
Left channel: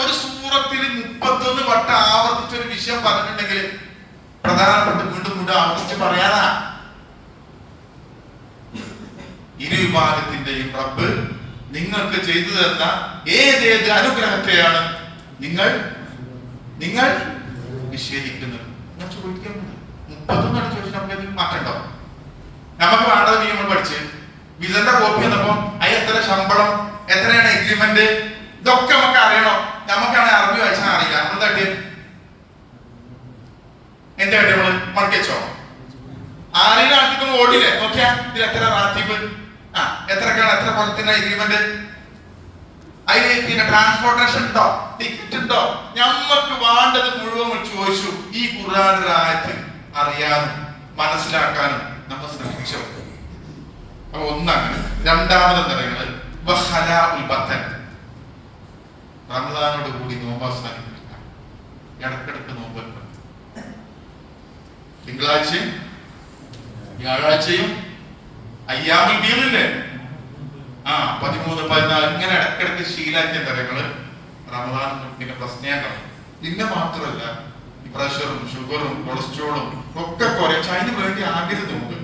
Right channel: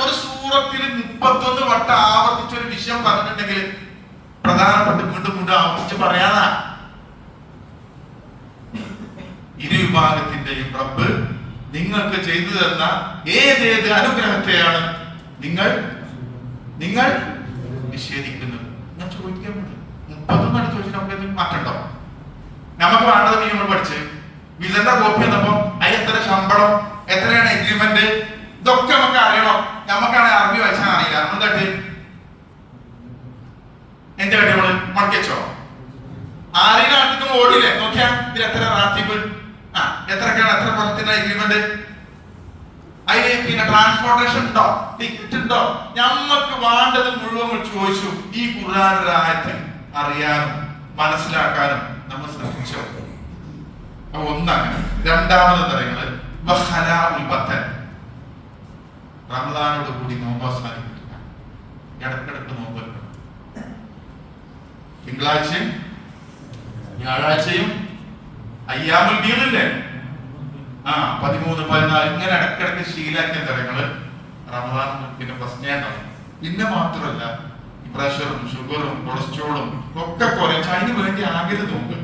ഒരു സൂറത്തിൽ 31 വട്ടം ആവർത്തിച്ചൊരു വിഷയം പറഞ്ഞിട്ടുണ്ടെങ്കിൽ പ്രധാനപ്പെട്ട വീണ്ടും ആവർത്തിച്ച് പറയാനാ. ഇരു വിഭാഗത്തിന്റെയും റബ്ബ് നിങ്ങൾക്ക് ചെയ്തു തന്ന ഏതേത് അനുഗ്രഹത്തെയാണ് നിങ്ങൾ നിഷേധിക്കുന്നത്? ഞാൻ ചോദിക്കാൻ 31 ചോദിച്ചിട്ട് നമുക്ക് എന്തെങ്കിലും മാറ്റണ്ടോ? നമുക്ക് വേണ്ടത് നമ്മൾ പഠിച്ച് വിസന്റെ കോപ്പി വന്നപ്പോ അതിന് എത്ര ശമ്പളം, എത്രയാണ് എഗ്രിമെന്റ്, ഇതൊക്കെ നമുക്ക് അറിയണം. നമുക്കാണ് അറബി വായിച്ചാൽ അറിയില്ല. നമ്മൾ തട്ടി എന്റെ വേണ്ടി നമ്മള് മടക്കി വെച്ചോ. ആരെങ്കിലും അടുത്തേക്ക് ഓടിയില്ലേ നോക്കിയാ ഇതിൽ എത്ര റാത്തീബ്, എത്രക്കാണ്, എത്ര കൊല്ലത്തിന്റെ എഗ്രിമെന്റ്. അതിന് പിന്നെ ട്രാൻസ്പോർട്ടേഷൻ ഉണ്ടോ, ടിക്കറ്റ് ഉണ്ടോ, നമ്മക്ക് വേണ്ടത് മുഴുവൻ ചോദിച്ചു. ഈ ഖുർആൻ ആയത്ത് അറിയാനും മനസ്സിലാക്കാനും നമ്മൾ ശ്രമിച്ചോ? അപ്പൊ ഒന്നങ്ങനെ. രണ്ടാമത് പറയുന്നത് റമദാനോട് കൂടി നോമ്പ് അവസാനിപ്പിക്കുക. ഇടക്കിടക്ക് നോമ്പ് വെക്കണം. തിങ്കളാഴ്ചയും വ്യാഴാഴ്ചയും അയ്യാമുൽ ബീദില്ലേ, 13, 14 ഇങ്ങനെ ഇടക്കിടക്ക് ശീലാക്കിയ തരങ്ങള് റമദാൻ പിന്നെ പ്രശ്നമുണ്ടാവും. പിന്നെ മാത്രമല്ല ഈ പ്രഷറും ഷുഗറും കൊളസ്ട്രോളും ഒക്കെ കുറച്ച് അതിന് വേണ്ടി ആകരുത് നോമ്പ്.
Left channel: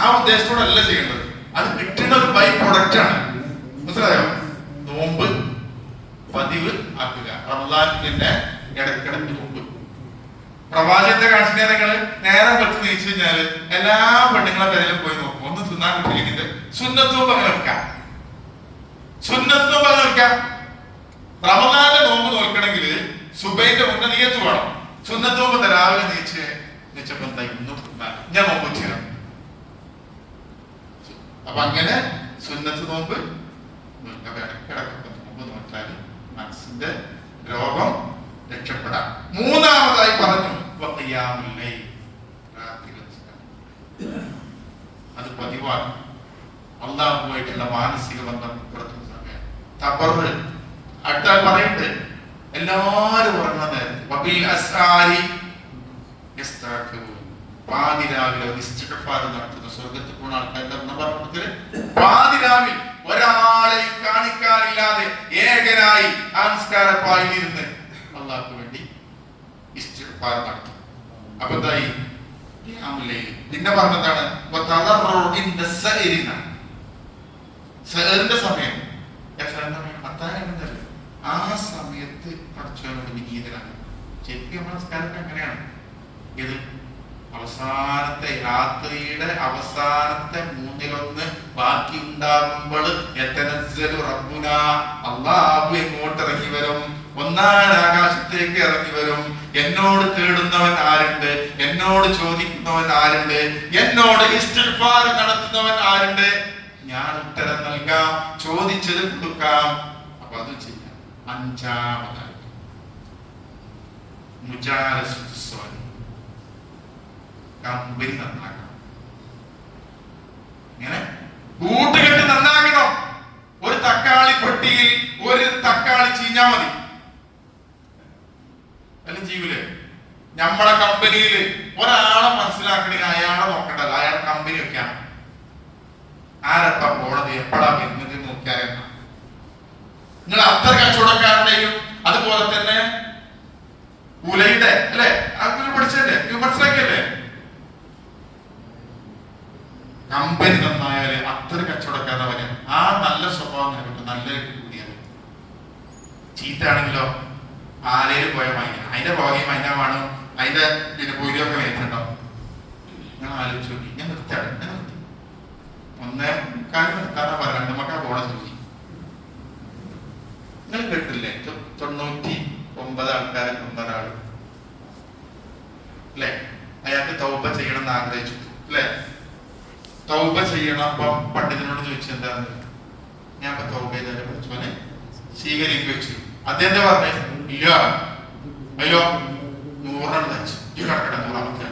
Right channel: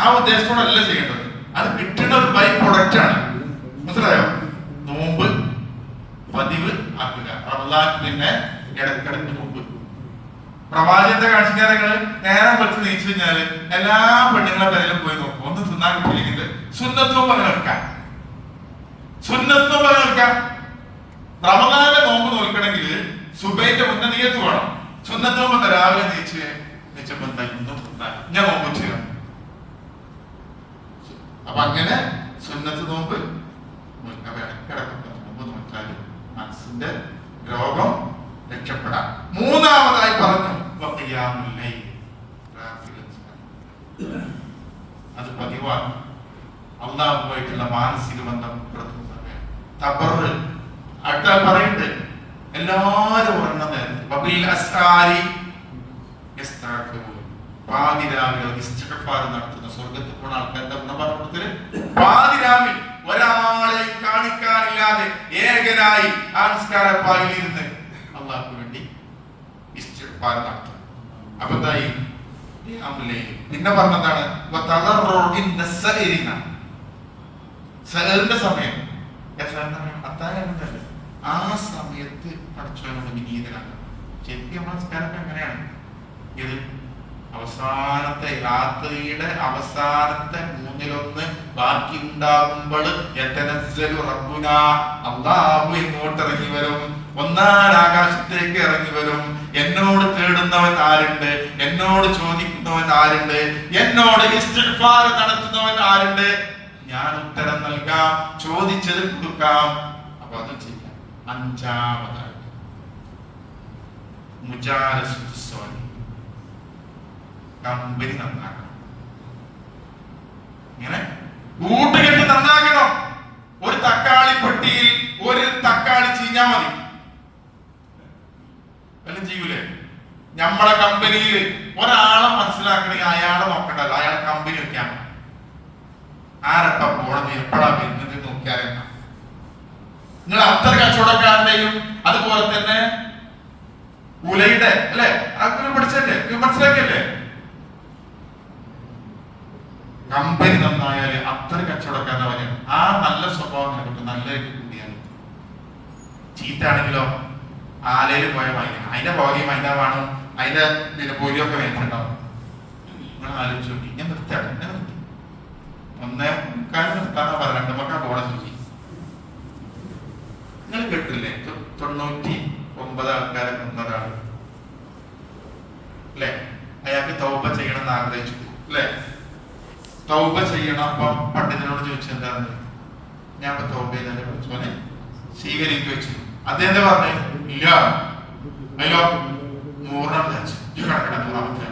ആ ഉദ്ദേശത്തോടല്ല ചെയ്യേണ്ടത്. അത് കിട്ടുന്ന ഒരു ബൈ പ്രൊഡക്റ്റ് ആണ്. മനസ്സിലായോ? നോമ്പ് പതിവ് ആക്കുക. റമദാൻ പിന്നെ ഇടക്കിടക്ക് നോമ്പ്. പ്രവാചകന്റെ കാഴ്ചക്കാരങ്ങള് നേരം വെച്ച് നീച്ചു കഴിഞ്ഞാല് എല്ലാ പെണ്ണുങ്ങളെ പേരിലും പോയി നോക്കും. ഒന്ന് തിന്നാൻ കിട്ടിയില്ലെങ്കിൽ സുന്നത്തും പകർക്കാം, സുന്നത്തും പകർക്കാം. റമദാന്റെ നോമ്പ് നോക്കണമെങ്കിൽ സുബൈന്റെ മുന്നേ നീയത്ത് വേണം. സുന്നത്ത് നോമ്പ് രാവിലെ നീച്ചപ്പോ ഇന്നും ഞാൻ നോമ്പ് ചെയ്യണം. അപ്പൊ അങ്ങനെ സുന്നത്ത് നോമ്പ് ഇടക്കിടക്കൊക്കെ നോമ്പ് നോക്കാൻ മനസ്സിന്റെ രോഗം രക്ഷപ്പെടാം. മൂന്നാമതായി പറഞ്ഞു അത് പതിവാണ്. അള്ളാഹുമായിട്ടുള്ള മാനസിക ബന്ധം അടുത്ത പറയുന്നുണ്ട്. എല്ലാരും ഉറങ്ങുന്ന നേരത്ത് പാതിരാവിലെ ഇസ്തിഗ്ഫാർ നടത്തുന്ന സ്വർഗത്തിൽ പോണ ആൾക്കാരുടെ ഗുണപർവ്വതത്തില് പാതിരാവിൽ ഒരാളെ കാണിക്കാനില്ലാതെ ഏകനായി ആംസ്കാരപ്പായിലിരുന്ന് അള്ളാഹുക്ക് വേണ്ടി ഇസ്തിഗ്ഫാർ നടത്തും. അപ്പൊ എന്തായി? പിന്നെ പറഞ്ഞതാണ് സഹറിന്റെ സമയം. അത്താഴമുണ്ടല്ലോ, ആ സമയത്ത് പഠിച്ചവരോട് വിനീതനാണ്. ശരിക്കും നമസ്കാരമൊക്കെ എങ്ങനെയാണ്? ഇത് അവസാനത്തെ രാത്രിയുടെ അവസാനത്തെ 1/3 ബാക്കി ഉണ്ടാകുമ്പോൾ അള്ളാഹു ഇങ്ങോട്ട് ഇറങ്ങി വരും, ഒന്നാം ആകാശത്തേക്ക് ഇറങ്ങി വരും. എന്നോട് തേടുന്നവൻ ആരുണ്ട്, എന്നോട് ചോദിക്കുന്നവൻ ആരുണ്ട്, എന്നോട് ഇസ്തിഗ്ഫാർ നടത്തുന്നവൻ ആരുണ്ട്, ഞാൻ ഉത്തരം നൽകാം, ചോദിച്ചത് കൊടുക്കാം. അപ്പൊ അത് ചെയ്യാം. അഞ്ചാമതായി കമ്പനി നന്നാക്കണം. ഇങ്ങനെ കൂട്ടുകെട്ട് നന്നാക്കണം. ഒരു തക്കാളി പെട്ടിയിൽ ഒരു തക്കാളി ചീഞ്ഞാ മതി, എല്ലാം ചെയ്യൂലേ? നമ്മളെ കമ്പനിയിൽ ഒരാളെ മനസ്സിലാക്കണമെങ്കിൽ അയാളെ നോക്കണ്ടല്ലോ, അയാളെ കമ്പനി വെക്കാണ്. ആരപ്പ പോണത്, എപ്പോഴാ വരുന്നത് നോക്കിയാൽ നിങ്ങൾ അത്ര കച്ചവടക്കാരുടെയും അതുപോലെ തന്നെ ഉലയുടെ അല്ലെ അങ്ങനെ പഠിച്ചല്ലേ, മനസ്സിലാക്കിയല്ലേ? കമ്പനി നന്നായാല് അത്ര കച്ചവടക്കാരവന് ആ നല്ല സ്വഭാവം കിട്ടും. നല്ല കൂടിയാൽ ചീത്താണെങ്കിലോ ആലയിൽ പോയ മൈന, അതിന്റെ പുറകെ മൈന വേണം, അതിന്റെ പിന്നെ പൊരിയൊക്കെ വേണ്ടിട്ടുണ്ടാവും. ഞാൻ ആലോചിച്ചു നോക്കി, ഞാൻ നിർത്തിയാണ്, എന്നെ നിർത്തി. 1:15 നിർത്താന്നാ പറയാം. 2 പോണ ചോദിച്ചു. നിങ്ങൾ കേട്ടില്ലേ 99 ആൾക്കാരെ കൊന്നൊരാൾ അല്ലെ? അയാൾക്ക് തൗബ ചെയ്യണം എന്ന് ആഗ്രഹിച്ചു അല്ലെ? തൗബ ചെയ്യണം. അപ്പം പണ്ഡിതനോട് ചോദിച്ചെന്താണ്? ഞാൻ ഇപ്പൊ തൗബ ചെയ്തതിനെ പഠിച്ചോനെ സ്വീകരിക്കുക വെച്ചു. അദ്ദേഹം പറഞ്ഞു ഇല്ല, അയ്യോ 100 വെച്ചു ഈ കണക്കിടന്ന് പറഞ്ഞ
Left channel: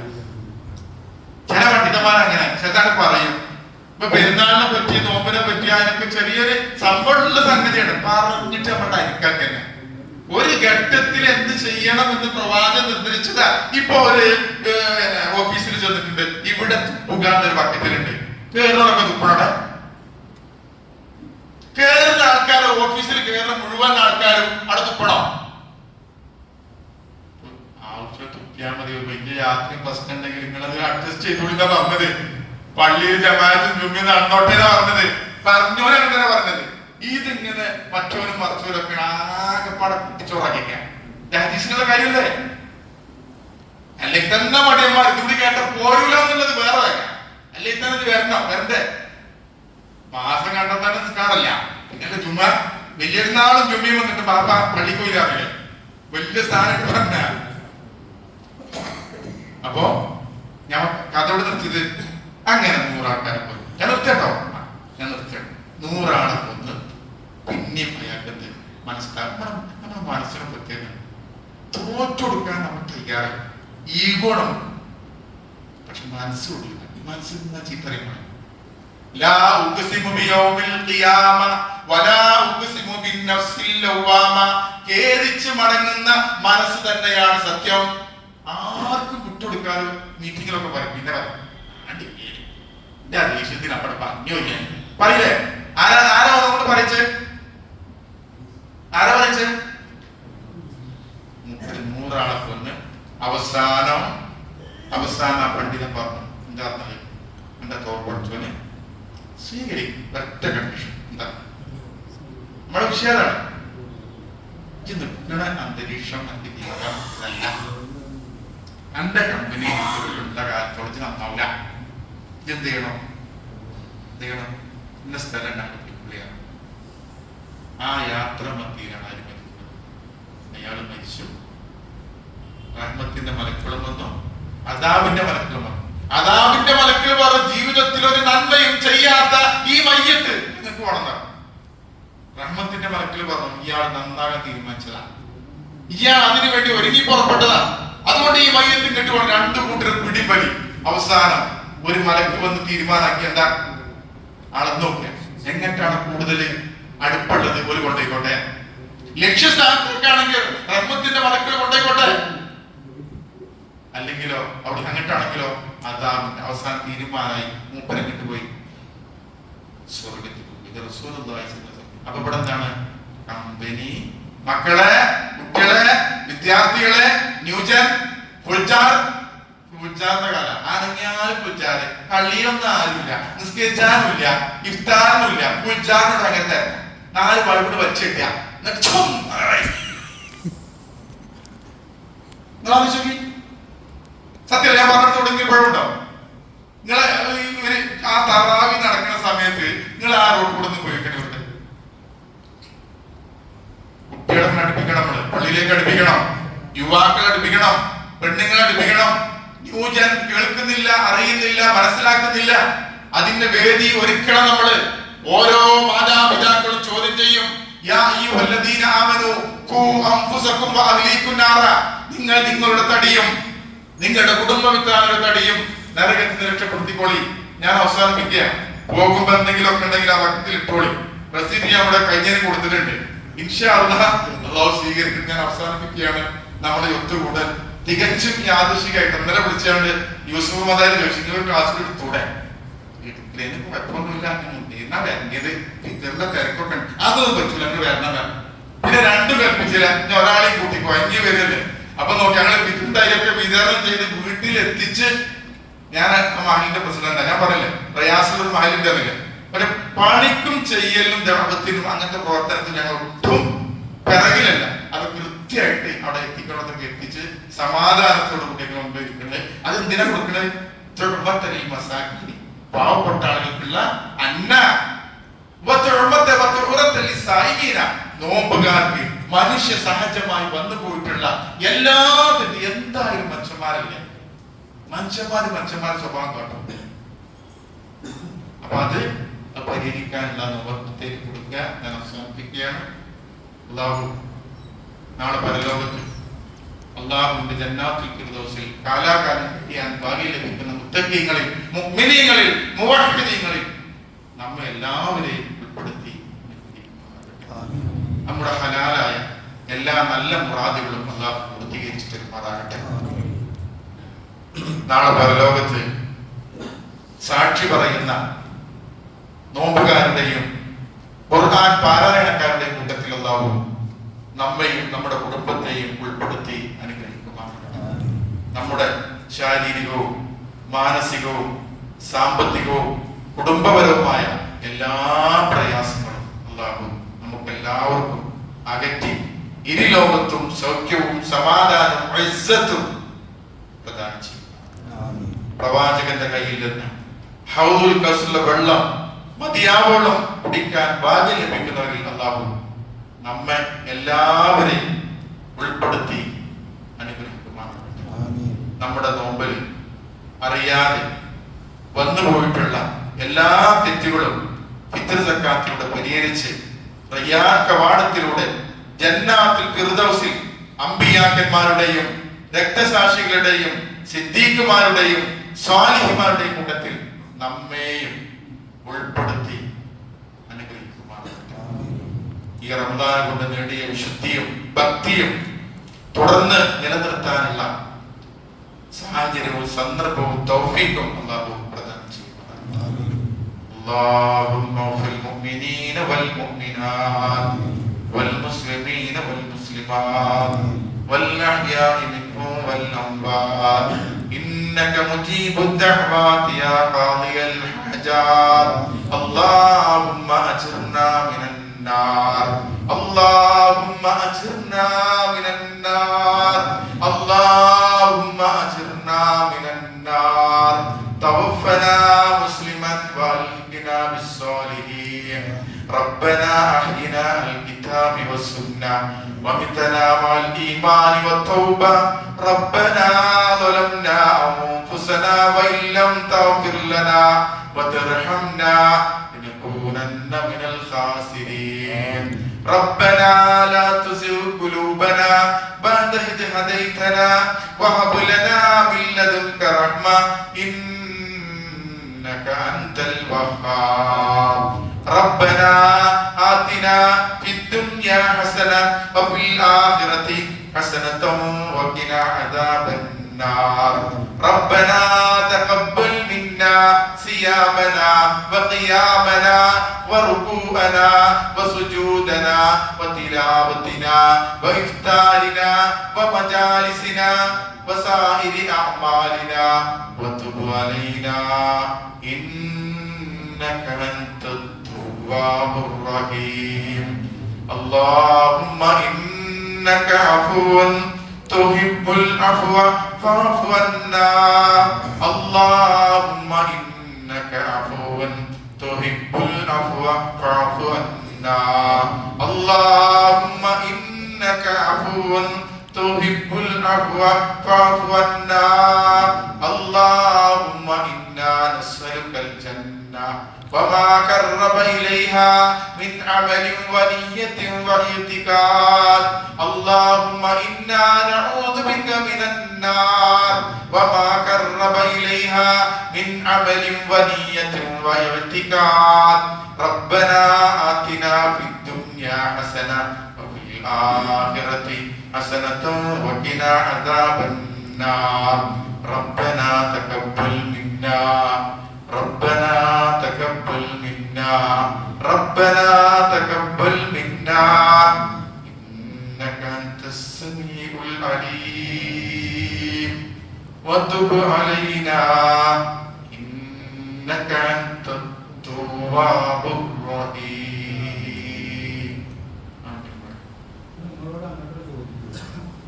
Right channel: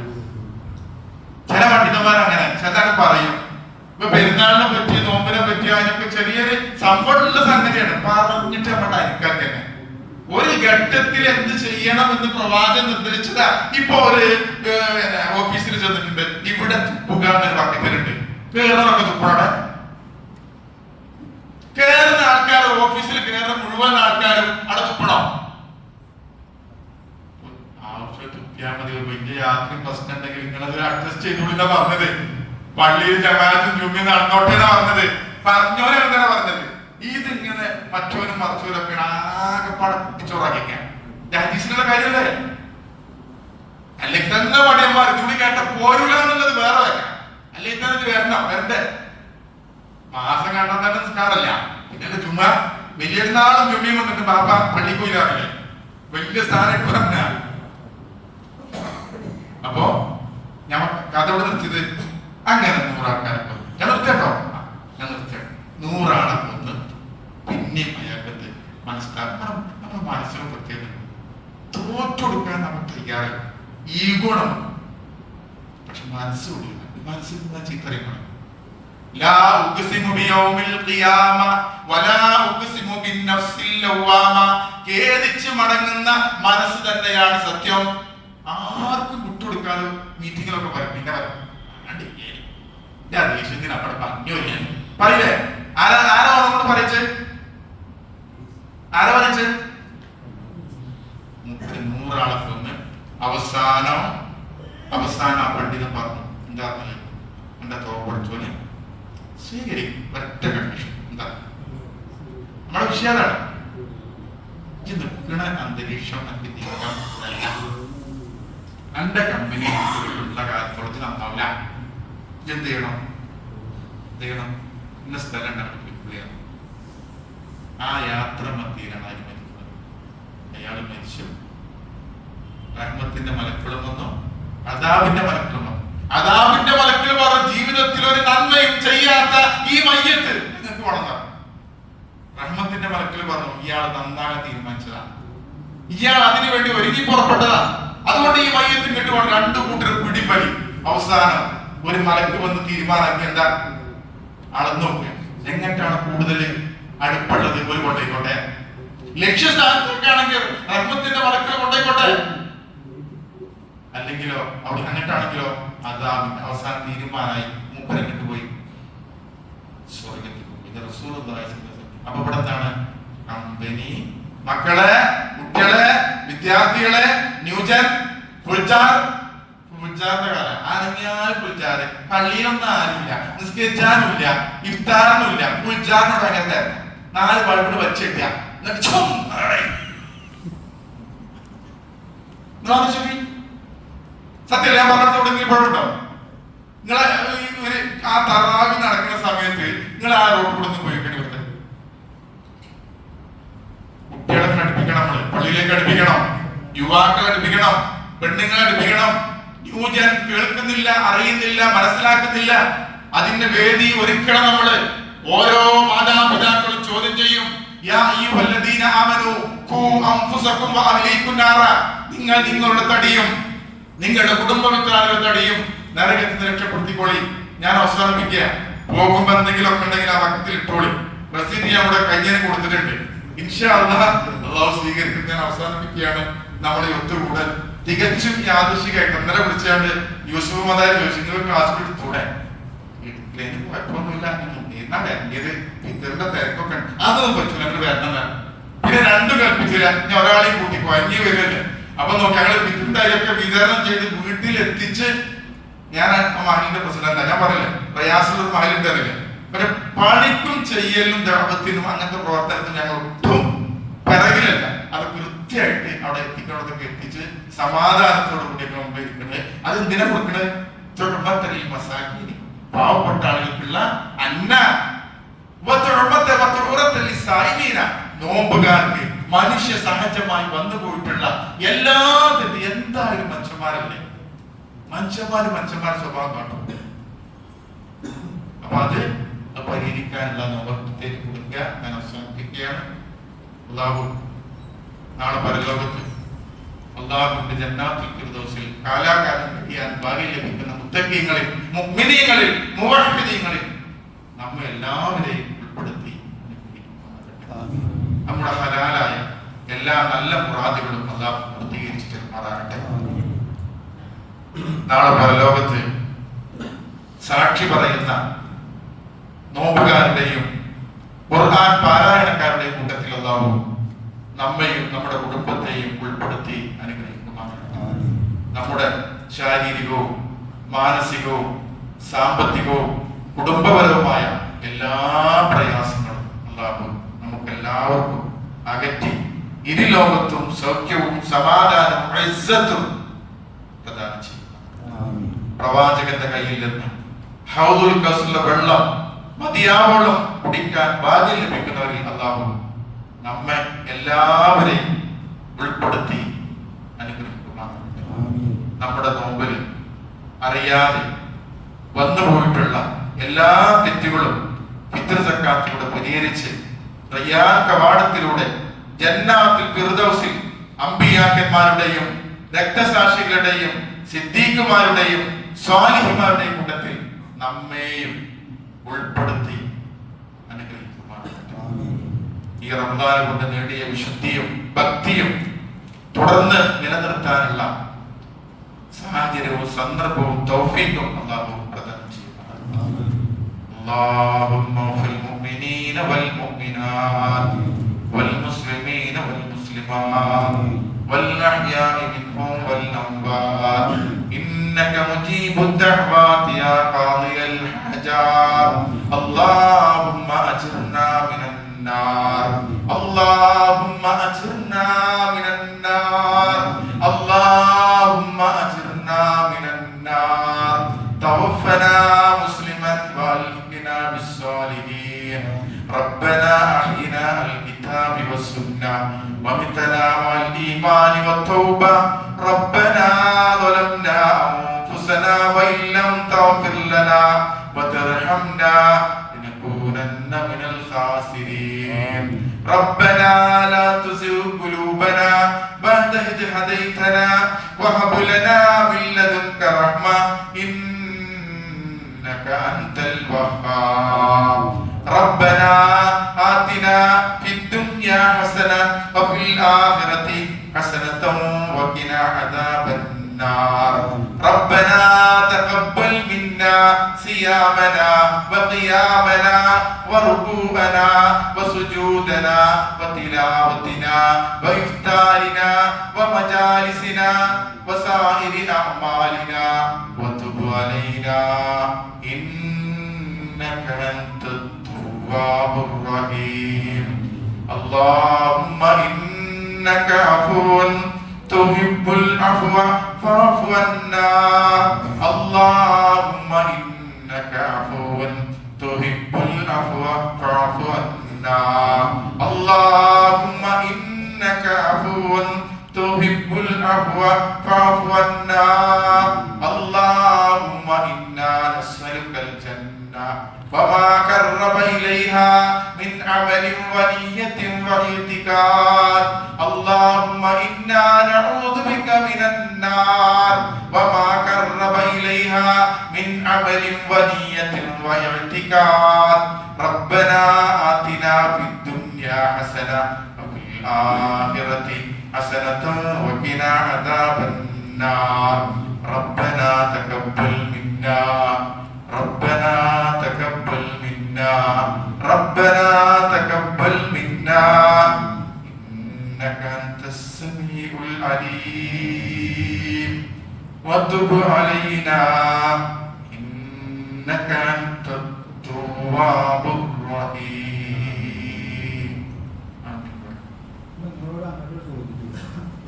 ചില പണ്ഡിതന്മാരങ്ങനെ ചേട്ടാണ് പറയും. ഇപ്പൊ പെരുന്നാളിനെ പറ്റി നോമ്പിനെ പറ്റി അതിനൊക്കെ ചെറിയൊരു സംഭവമുള്ള സംഗതിയാണ് പറഞ്ഞിട്ട് നമ്മുടെ അരിക്കാൻ തന്നെ. ഒരു ഘട്ടത്തിൽ എന്ത് ചെയ്യണം എന്ന് പ്രവാചകൻ നിർദ്ദേശിച്ചതാ. ഇപ്പൊ ഒരു ഓഫീസിൽ ചെന്നിട്ടുണ്ട്, ഇവിടെ തുപ്പുകാന്നൊരു ബക്കറ്റിലുണ്ട്, കേറുന്നൊക്കെ തുപ്പണോടെ. കേറുന്ന ആൾക്കാർ, ഓഫീസിൽ കയറുന്ന മുഴുവൻ ആൾക്കാരും അവിടെ തുപ്പണം. ആവശ്യം തുപ്പിയാൽ മതി. വലിയ രാത്രി പ്രശ്നം ഉണ്ടെങ്കിൽ നിങ്ങളത് അഡ്ജസ്റ്റ് ചെയ്തോളിന്നാ പറഞ്ഞത്. പള്ളിയിൽ ജമാഅത്തും ജുമ്മിയും നടന്നോട്ടേന്നാ പറഞ്ഞത്. പറഞ്ഞോരങ്ങനെ പറഞ്ഞത്. ഇതിങ്ങനെ മറ്റവനും മറിച്ചവരൊക്കെ ആകെപ്പാടെ കുട്ടിച്ചോറാക്കിക്കാൻ ഹദീസിനുള്ള കാര്യമല്ലേ? അല്ലെങ്കിൽ തന്നെ മടിയന്മാർ ഇതുകൂടി കേട്ട പോരൂല എന്നുള്ളത് വേറെ കാര്യം. അല്ലെങ്കിൽ തന്നെ വരണം, വരണ്ടേ? മാസം കണ്ടാൽ തന്നെ നിസ്കാരല്ല. പിന്നെ ജുമാ വലിയ നാളും ജുമ്മിയും വന്നിട്ട് ബാബ പള്ളിക്ക് പോയില്ലേ, വലിയ സ്ഥാനം പറഞ്ഞ. അപ്പോ ഞാൻ കഥയോട് നിർത്തിയത് അങ്ങനെ 100 ആൾക്കാരെ കൊന്നു. ഞാൻ നിർത്തിട്ടോ, ഞാൻ നിർത്തിയോ 100 ആളെ കൊന്ന് പിന്നെയും അയാൾക്ക് മനസ്സിലാക്കണം. നമ്മുടെ മനസ്സിന് പ്രത്യേകം തോറ്റെടുക്കാൻ നമ്മൾ തയ്യാറായി. ഈഗോ നമുക്ക്, പക്ഷെ മനസ്സുള്ളില്ല. മനസ്സിൽ നിന്നാ ചീത്തറിയണം. ലാ ഉഖ്സിമു ബിയൗമിൽ ഖിയാമ വലാ ഉഖ്സിമു ബിന്നഫ്സിൽ ലവ്വാമ. ഖേദിച്ച് മടങ്ങുന്ന മനസ്സ് തന്നെയാണ് സത്യം. ആർക്കും വിട്ടുകൊടുക്കാതെ മീറ്റിങ്ങിലൊക്കെ പറയും. പിന്നെ ഞാൻ ദേഷ്യത്തിന് അവിടെ പറഞ്ഞു പറയില്ലേ? ആരാ കൊണ്ട് പറയിച്ച്? ആരാ പറയിച്ച്? 100 ആളെ കൊന്ന് അവസാനം പണ്ഡിതൻ പറഞ്ഞു, എന്താ പറഞ്ഞത്? എന്റെ തോപ്പടിച്ചോന് സ്വീകരിക്കും. ഒറ്റ കണ്ടീഷൻ എന്താ? നമ്മുടെ വിഷയതാണ്. നിൽക്കുന്ന അന്തരീക്ഷം എനിക്ക് തീർക്കാനല്ല. എന്റെ കമ്പനി ഉള്ള കാലത്തോളം നന്നാവില്ല. എന്ത് ചെയ്യണം? ഇന്ന സ്ഥലം കണ്ടുപിടിക്കുകയാണ്. ആ യാത്ര മധ്യയിലാണ് ആര് മരിക്കുന്നത്? അയാൾ മരിച്ചു. റഹ്മത്തിന്റെ മലക്കുളം വന്നു, അദാബിന്റെ മലക്കുളം വന്നു. അദാബിന്റെ മലക്കുകൾ പറഞ്ഞു, ജീവിതത്തിൽ ഒരു നന്മയും ചെയ്യാത്ത ഈ മയ്യത്ത് നിങ്ങൾക്ക് വളർന്ന. റഹ്മത്തിന്റെ മലക്കുകൾ പറഞ്ഞു, ഇയാൾ നന്നാകാൻ തീരുമാനിച്ചതാണ്, ഇയാൾ അതിനു വേണ്ടി ഒരുങ്ങി പുറപ്പെട്ടതാണ്, അതുകൊണ്ട് ഈ മയ്യത്ത് കിട്ടുവാൻ 2 കൂട്ടർ പിടിപ്പലി. അവസാനം ഒരു മലക്ക് വന്ന് തീരുമാനാക്കി, എന്താ അളന്നു നോക്കുക, എങ്ങോട്ടാണ് കൂടുതൽ അടുപ്പുള്ളത് ഒരു കൊണ്ടേക്കോട്ടെ. ലക്ഷ്യസ്ഥാനത്തേക്കാണെങ്കിൽ റഹ്മത്തിന്റെ മലക്കുകൾ കൊണ്ടേക്കോട്ടെ, അല്ലെങ്കിലോ അവിടെ അങ്ങോട്ടാണെങ്കിലോ അദാബിന്റെ. അവസാനം തീരുമാനമായി, മൂപ്പരങ്ങിട്ട് പോയി സ്വർഗത്തിൽ പോയി. ഇത് റസൂലുള്ളാഹി സ്വല്ലല്ലാഹു അലൈഹി വസല്ലം. അപ്പൊ ഇവിടെ എന്താണ്? കമ്പനി, മക്കളെ, കുട്ടികളെ, വിദ്യാർത്ഥികളെ, ന്യൂജൻ, പുൽച്ചാറിന്റെ കാലം. അനങ്ങിയാൽ പുൽച്ചാറ്. പള്ളിയിലൊന്നും ആരുമില്ല, നിസ്കരിച്ചാനുമില്ല, ഇഫ്താറിനുമില്ല. പുൽച്ചാറിനോട് അങ്ങനത്തെ 4 ബൾബിന് വെച്ചില്ല. സത്യം ഞാൻ പറഞ്ഞത് തുടങ്ങിയ പഴമുണ്ടോ? നിങ്ങളെ ആ തറാവി നടക്കുന്ന സമയത്ത് നിങ്ങൾ ആ റോഡ് കൂടെ നിന്ന് പോയിക്കണേ. കുട്ടികളെ അടുപ്പിക്കണം, നമ്മള് പള്ളിയിലേക്ക് അടുപ്പിക്കണം, യുവാക്കളെ അടുപ്പിക്കണം, പെണ്ണുങ്ങളെ അടുപ്പിക്കണം. ന്യൂജൻ കേൾക്കുന്നില്ല, അറിയുന്നില്ല, മനസ്സിലാക്കുന്നില്ല. അതിന്റെ വേദി ഒരുക്കണം നമ്മള്. ഓരോ മാതാപിതാക്കളും ചോദ്യം ചെയ്യും, യാ അയ്യുഹല്ലദീന ആമനൂ ഖൂ അൻഫുസകും വഅഹ്ലീകും നാറ. നിങ്ങൾ നിങ്ങളുടെ തടിയും നിങ്ങളുടെ കുടുംബമിത്രാരുടെ തടിയും നരകത്തിൽ രക്ഷപ്പെടുത്തിക്കോളി. ഞാൻ അവസാനിപ്പിക്കുക. പോകുമ്പോ എന്തെങ്കിലുമൊക്കെ ഉണ്ടെങ്കിൽ ആ വക്കത്തിൽ ഇട്ടോളി. റസീദ് ഞാൻ ഇവിടെ കഴിഞ്ഞതിന് കൊടുത്തിട്ടുണ്ട്. ഇൻഷാ അല്ലാഹ് അല്ലാഹു സ്വീകരിക്കും. ഞാൻ അവസാനിപ്പിക്കുകയാണ്. നമ്മുടെ ഒത്തുകൂടൽ തികച്ചും യാദൃശികമായിട്ട് ഇന്നലെ വിളിച്ചാണ്ട് യൂസുഫ് മദാരി ചോദിച്ചു, ക്ലാസ് എടുത്തൂടെ? കുഴപ്പമൊന്നുമില്ല, എന്നാ വരങ്ങിയത് ടീച്ചറിന്റെ തിരക്കൊക്കെ അതൊന്നും പറ്റൂല, അങ്ങനെ വരണം. പിന്നെ 2 കൽപ്പിച്ചില്ല, ഞാൻ ഒരാളെയും കൂട്ടിപ്പോ അഞ്ഞ് വരല്ലേ. അപ്പൊ നോക്കി ഞങ്ങൾ വിരുദ്ധയൊക്കെ വിതരണം ചെയ്ത് വീട്ടിലെത്തിച്ച്, ഞാൻ മഹലിന്റെ പ്രസിഡന്റാ, ഞാൻ പറയില്ലേ പ്രയാസമുള്ള മഹലിന്റെ അറിയില്ല. പക്ഷെ പണിക്കും ചെയ്യലും ദാവത്തിനും അങ്ങനത്തെ പ്രവർത്തനത്തിൽ ഞങ്ങൾ ഒട്ടും പിറകിലല്ല. അത് കൃത്യമായിട്ട് അവിടെ എത്തിക്കുന്നതൊക്കെ എത്തിച്ച് സമാധാനത്തോടു കൂടിയൊക്കെ മുമ്പ് ഇരിക്കുന്നത്. അത് എന്തിനാ കൊടുക്കണത്? മസാക്കിനി, പാവപ്പെട്ട ആളുകൾക്കുള്ള അന്ന, നോമ്പുകാർക്ക് മനുഷ്യ സഹജമായി വന്നു പോയിട്ടുള്ള എല്ലാ എന്തായാലും മനുഷ്യന്മാരല്ലേ, മനുഷ്യന്മാര് സ്വഭാവം കാട്ടും. അപ്പൊ അത് പരിഹരിക്കാനുള്ള നോമ്പത്തേക്ക് കൊടുക്കുക. ഞാൻ അവസാനിപ്പിക്കുകയാണ്. അല്ലാഹു നാളെ പരലോകത്ത് അല്ലാഹുവിന്റെ ജന്നാത്തുൽ ഫിർദൗസിൽ കാലാകാലം കിട്ടിയാൽ ഭാഗ്യം ലഭിക്കുന്ന മുത്തഖീങ്ങളിൽ, മുഅ്മിനീങ്ങളിൽ, മുവഹ്ഹിദീങ്ങളിൽ നമ്മെ എല്ലാവരെയും ഉൾപ്പെടുത്തി നമ്മുടെ ഹലാലായ എല്ലാ നല്ല മുറാദുകളും അല്ലാഹു പൂർത്തീകരിച്ചു തരുമാറാകട്ടെ. നാളെ പരലോകത്ത് സാക്ഷി പറയുന്ന നോമ്പുകാരുടെയും ഖുർആൻ പാരായണക്കാരുടെയും കൂട്ടത്തിൽ അല്ലാഹു നമ്മയും നമ്മുടെ കുടുംബത്തെയും ഉൾപ്പെടുത്തി അനുഗ്രഹിക്കുമാറാകട്ടെ. നമ്മുടെ ശാരീരികവും മാനസികവും സാമ്പത്തികവും കുടുംബപരവുമായ എല്ലാ പ്രയാസങ്ങളും അല്ലാഹു നമുക്ക് എല്ലാവർക്കും അകറ്റി ഇരുലോകത്തും സൗഖ്യവും സമാധാനവും ഇസ്സത്തും പ്രദാനം ചെയ്യും. പ്രവാചകന്റെ കയ്യിൽ നിന്ന് ഹൗദുൽ കൗസറിലെ വെള്ളം മതിയാവോളം കുടിക്കാൻ ഭാഗ്യം ലഭിക്കുന്നവരിൽ അല്ലാഹു നമ്മെ എല്ലാവരെയും ഉൾപ്പെടുത്തി അനുഗ്രഹിക്കുമാറാകട്ടെ. നമ്മുടെ നോമ്പിൽ അറിയാതെ വന്നുപോയിട്ടുള്ള എല്ലാ തെറ്റുകളും ഫിത്ർ സക്കാത്തിലൂടെ പരിഹരിച്ച് റയ്യാൻ കവാടത്തിലൂടെ ജന്നാത്തുൽ ഫിർദൗസിൽ അമ്പിയാക്കന്മാരുടെയും രക്തസാക്ഷികളുടെയും സിദ്ദീഖുമാരുടെയും സ്വാലിഹിമാരുടെയും കൂട്ടത്തിൽ നമ്മെയും ഉൾപ്പെടുത്തി അനുഗ്രഹിക്കുമാറാകട്ടെ. ഈ റമദാൻ കൊണ്ട് നേടിയ വിശുദ്ധിയും ഭക്തിയും തുടർന്ന് നിലനിർത്താനുള്ള സാഹചര്യവും സന്ദർഭവും തൗഫീഖും അല്ലാഹു പ്രദാനം ചെയ്യുമാറാകട്ടെ. اللهم اغفر للمؤمنين والمؤمنات والمسلمين والمسلمات والأحياء منهم والأموات إنك مجيب الدعوات يا قاضي الحاجات. اللهم أجرنا من النار، اللهم أجرنا من النار، اللهم أجرنا من النار. توفنا مسلما والحقنا بالصالحين. ربنا أحينا الكتاب والسنة ومتنا مع الإيمان والتوبة. ربنا ظلمنا أنفسنا وإن لم تغفر لنا وترحمنا لنكونن من الخاسرين. ربنا لا تزغ قلوبنا بعد إذ هديتنا وهب لنا من لدنك رحمة إنك أنت الوهاب. ربنا آتنا في الدنيا حسنة وفي الآخرة حسنة وقنا عذاب النار. ربنا تقبل منا صيامنا وقيامنا وركوعنا وسجودنا وتلاوتنا وإفطارنا ومجالسنا وسائر أعمالنا وتب علينا إنك أنت التواب الرحيم. اللهم إنك عفو تحب العفو فاعف عنا. اللهم إنك عفو تحب العفو فاعف عنا. اللهم إنك عفو تحب العفو فاعف عنا. اللهم إنا نسألك الجنة وما قرب إليها من عمل ونية واعتقاد. اللهم إنا نعوذ بك من النار وما قرب إليها من عمل ونية واعتقاد. ربنا آتنا في الدنيا حسنة وفي الآخرة حسنة وقنا عذاب النار. ربنا تقبل منا، ربنا تقبل منا، ربنا تقبل منا إنك أنت السميع العليم. وتب علينا إنك أنت التواب